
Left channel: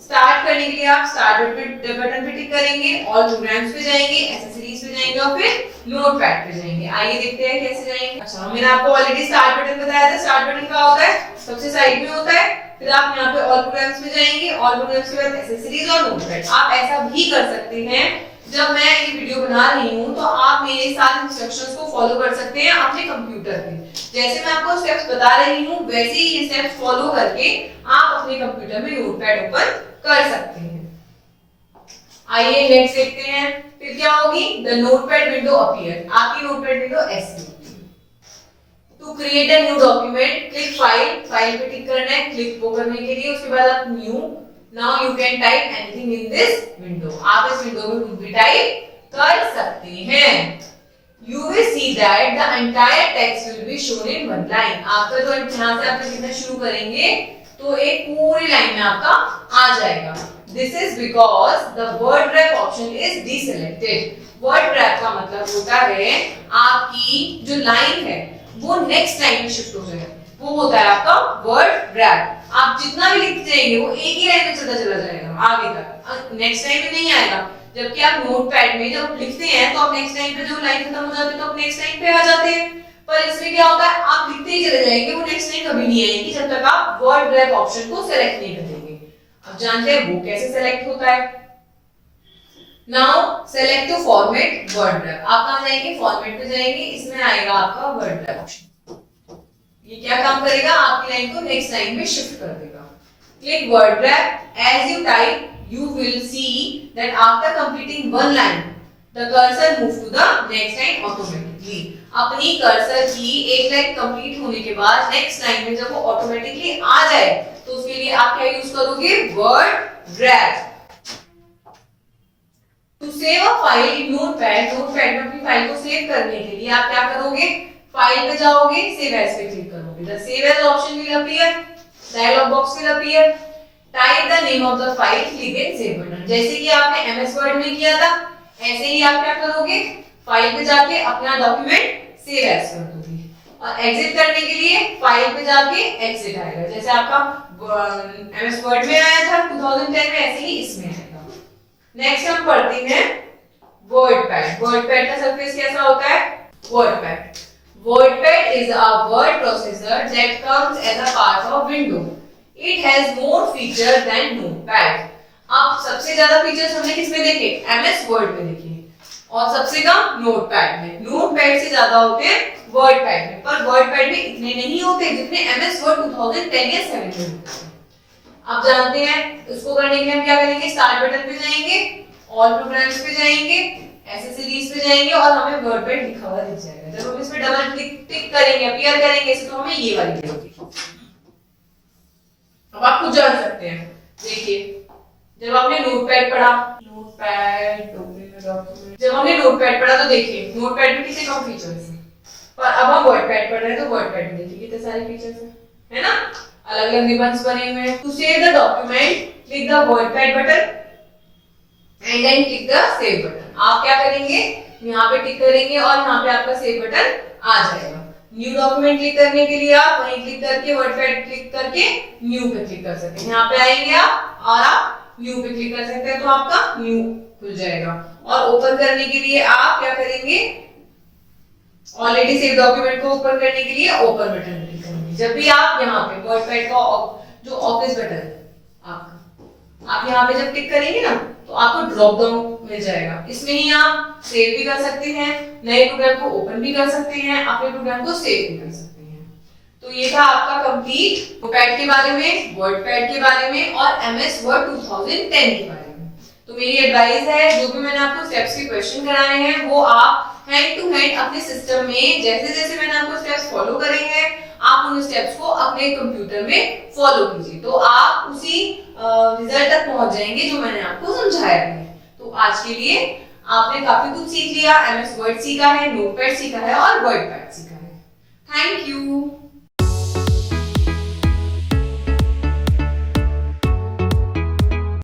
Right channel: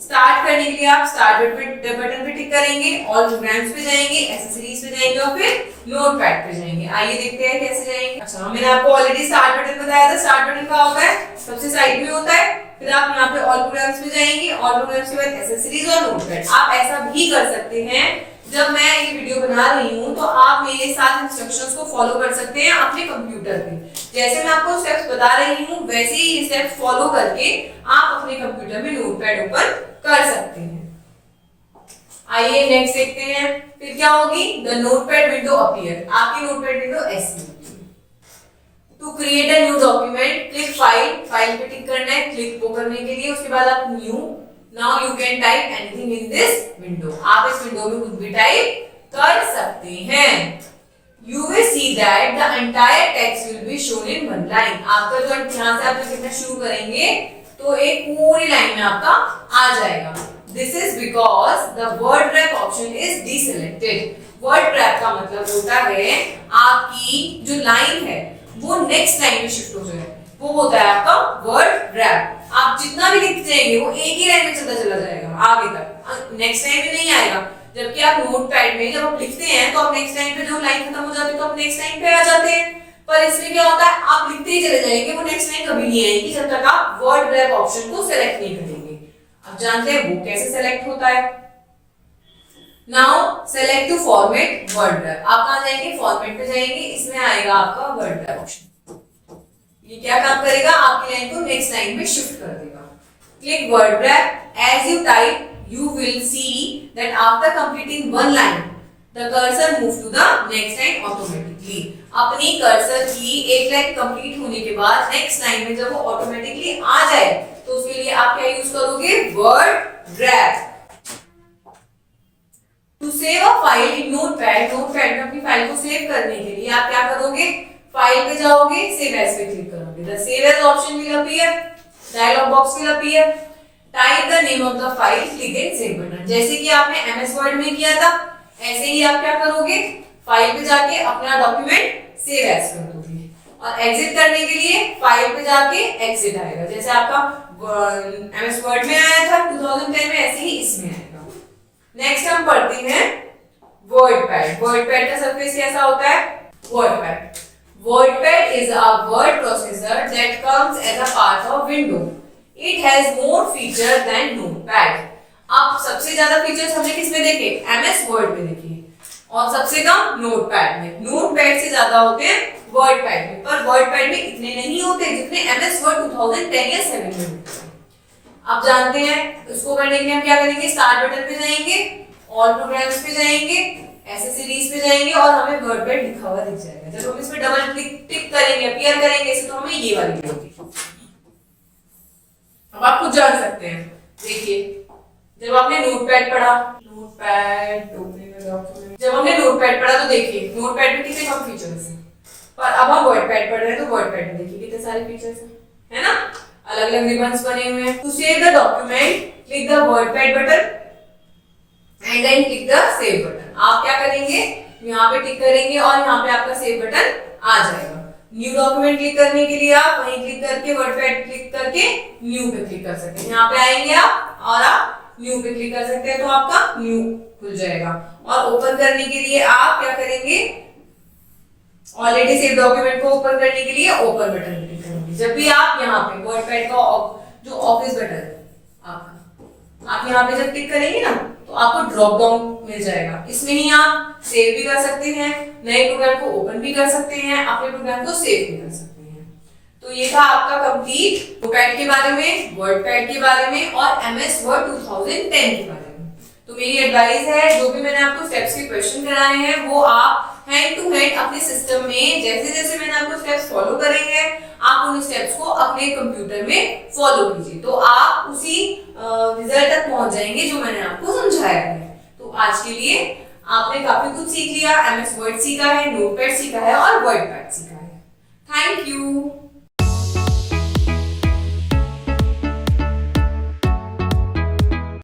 स्टार्ट करने के लिए आप स्टार्ट बटन पे टिक करेंगे, ऑल प्रोग्राम्स पे जाएंगे, एक्सेसरीज पे जाएंगे और फिर नोटपैड पे जाएंगे। आइए देखते हैं कैसे जाएंगे। अच्छा, मैंने आपको ऑलरेडी स्टार्ट बटन बताया था। स्टार्ट बटन क्या होता है, सबसे साइड में होता है, फिर आप यहाँ पे ऑल प्रोग्राम्स पे जाएंगे, ऑल प्रोग्राम्स के बाद एक्सेसरीज और नोटपैड। आप ऐसा भी कर सकते हैं, जब मैं ये वीडियो बना रही हूँ तो आप मेरे साथ इंस्ट्रक्शंस को फॉलो कर सकते हैं अपने कंप्यूटर पे। जैसे मैं आपको स्टेप्स बता रही हूँ वैसे ही ये स्टेप्स फॉलो करके आप अपने कंप्यूटर में नोटपैड ओपन कर सकते हैं। आइए नेक्स्ट देखते हैं, फिर क्या होगी, द नोटपैड विंडो अपीयर। आपकी नोटपैड विंडो ऐसी होगी। To create a new document click file, file पे टिक करना है क्लिक को करने के लिए, उसके बाद आप new, now you can type anything in this window. आप इस विंडो में कुछ भी टाइप कर सकते हैं। You will see that the entire text will be shown in one line. आपका जो यहाँ से आप लिखना शुरू करेंगे तो एक पूरी लाइन में आपका आ जाएगा। This is because the word wrap option is deselected. Word wrap का मतलब होता है आपकी जो लाइन है वो नेक्स्ट लाइन में शिफ्ट हो जाए, वो होता है आपका वर्ड रैप। आप जितना भी लिखते जाएंगे वो एक ही लाइन में चलता चला जाएगा आगे तक, नेक्स्ट लाइन में नहीं आएगा। जबकि आप नोटपैड में जब आप लिखते हैं तो आप नेक्स्ट लाइन पे जो लाइन खत्म हो जाती है तो आप नेक्स्ट लाइन पे आ जाते हैं। पर इसमें क्या होता है, आप लिखते ही चले जाएंगे, वो नेक्स्ट लाइन कभी नहीं आएगी जब तक आप वर्ड रैप ऑप्शन को सेलेक्ट नहीं करेंगे। अब जानते हैं वो कैसे सेलेक्ट होता है। Now select to format word wrap. आप कहां जाएंगे, फॉर्मेट पे जाएंगे, इसमें आएगा आपका वर्ड रैप ऑप्शन। ये क्या काम करेगा, आपकी लाइन को नेक्स्ट लाइन में शिफ्ट कर देगा। Click word wrap, as you type you will see that after completing one line the cursor move to the next line automatically. अपनी कर्सर की एक लाइन कंप्लीट होने के बाद नेक्स्ट लाइन में जब वो ऑटोमेटिकली आ जाए तो उसके लिए आप क्या यूज करोगे, word drag. To save a file in Notepad, Notepad में अपनी फाइल को सेव करने के लिए आप क्या करोगे, फाइल पे जाओगे, सेव एज पे क्लिक करोगे। The save as option will appear, dialog box will appear, type the name of the file, click and save button. जैसे कि आपने एमएस वर्ड में किया था ऐसे ही आप क्या करोगे, फाइल पे जाके अपना डॉक्यूमेंट सेव एज कर दोगे और एग्जिट करने के लिए फाइल पे जाके एग्जिट आएगा। जैसे आपका एमएस वर्ड में आया था 2010 में, ऐसे ही इसमें आएगा। नेक्स्ट हम पढ़ते हैं वर्डपैड। वर्डपैड का सरफेस कैसा होता है, WordPad. WordPad is a word processor that comes as a part of Windows. It has more feature than Notepad. अब सबसे ज्यादा फीचर्स हमने किसमें देखे, एमएस वर्ड में देखे, और सबसे कम नोटपैड में। नोटपैड से ज्यादा होते हैं वर्डपैड में, पर वर्डपैड में इतने नहीं होते जितने एमएस वर्ड 2010 या 7 में होते हैं। अब जानते हैं इसको करने के लिए हम क्या करेंगे, स्टार्ट बटन पे जाएंगे, ऑल प्रोग्राम्स पे जाएंगे, एसेसरीज पे जाएंगे और हमें वर्डपैड लिखा हुआ दिख जाएगा। जब हम इस पे डबल क्लिक टिक करेंगे, अपीयर करेंगे तो हमें ये वाली मिलेगी। अब आप खुद जान सकते हैं, देखिए जब आपने नोटपैड पढ़ा, जब हमने नोटपैड पढ़ा तो देखिए नोटपैड में कितने कम फीचर्स हैं, पर अब हम वर्डपैड पढ़ रहे हैं तो वर्डपैड में देखिए कितने सारे फीचर्स हैं, है ना, अलग अलग रिबन्स बने हुए हैं। To save the document click the WordPad button and then click the save button. आप क्या करेंगे, यहाँ पे टिक करेंगे और यहाँ पे आपका सेव बटन आ जाएगा। न्यू डॉक्यूमेंट क्लिक करने के लिए आप वहीं क्लिक करके वर्डपैड क्लिक करके न्यू पे क्लिक कर सकते हैं। यहाँ पे आएंगे आप और आप न्यू पे क्लिक कर सकते हैं तो आपका न्यू खुल जाएगा। और ओपन करने के लिए आप क्या करेंगे, ऑलरेडी सेव डॉक्यूमेंट को ओपन करने के लिए ओपन बटन पे क्लिक करेंगे। जब भी आप यहाँ पे वर्डपैड का जो ऑफिस बटन है आपका, आप यहाँ पे जब क्लिक करेंगे ना तो आपको ड्रॉप डाउन मिल जाएगा। इसमें ही आप सेव भी कर सकते हैं, नए प्रोग्राम को ओपन भी कर सकते हैं, अपने प्रोग्राम को सेव भी कर सकते हैं। तो ये था आपका कंप्लीट नोटपैड के बारे में, वर्डपैड के बारे में और एमएस वर्ड 2010 के बारे में। तो मेरी एडवाइस है, जो भी मैंने आपको स्टेप्स के क्वेश्चन कराए हैं वो आप हैंड टू हैंड अपने सिस्टम में जैसे जैसे मैंने आपको स्टेप्स फॉलो करे हैं, आप उन स्टेप्स को अपने कंप्यूटर में फॉलो कीजिए तो आप उसी रिजल्ट तक पहुंच जाएंगे जो मैंने आपको समझाया है। तो आज के लिए आपने काफी कुछ सीख लिया, एमएस वर्ड सीखा है, नोटपैड सीखा है और वर्डपैड सीखा है। Thank you.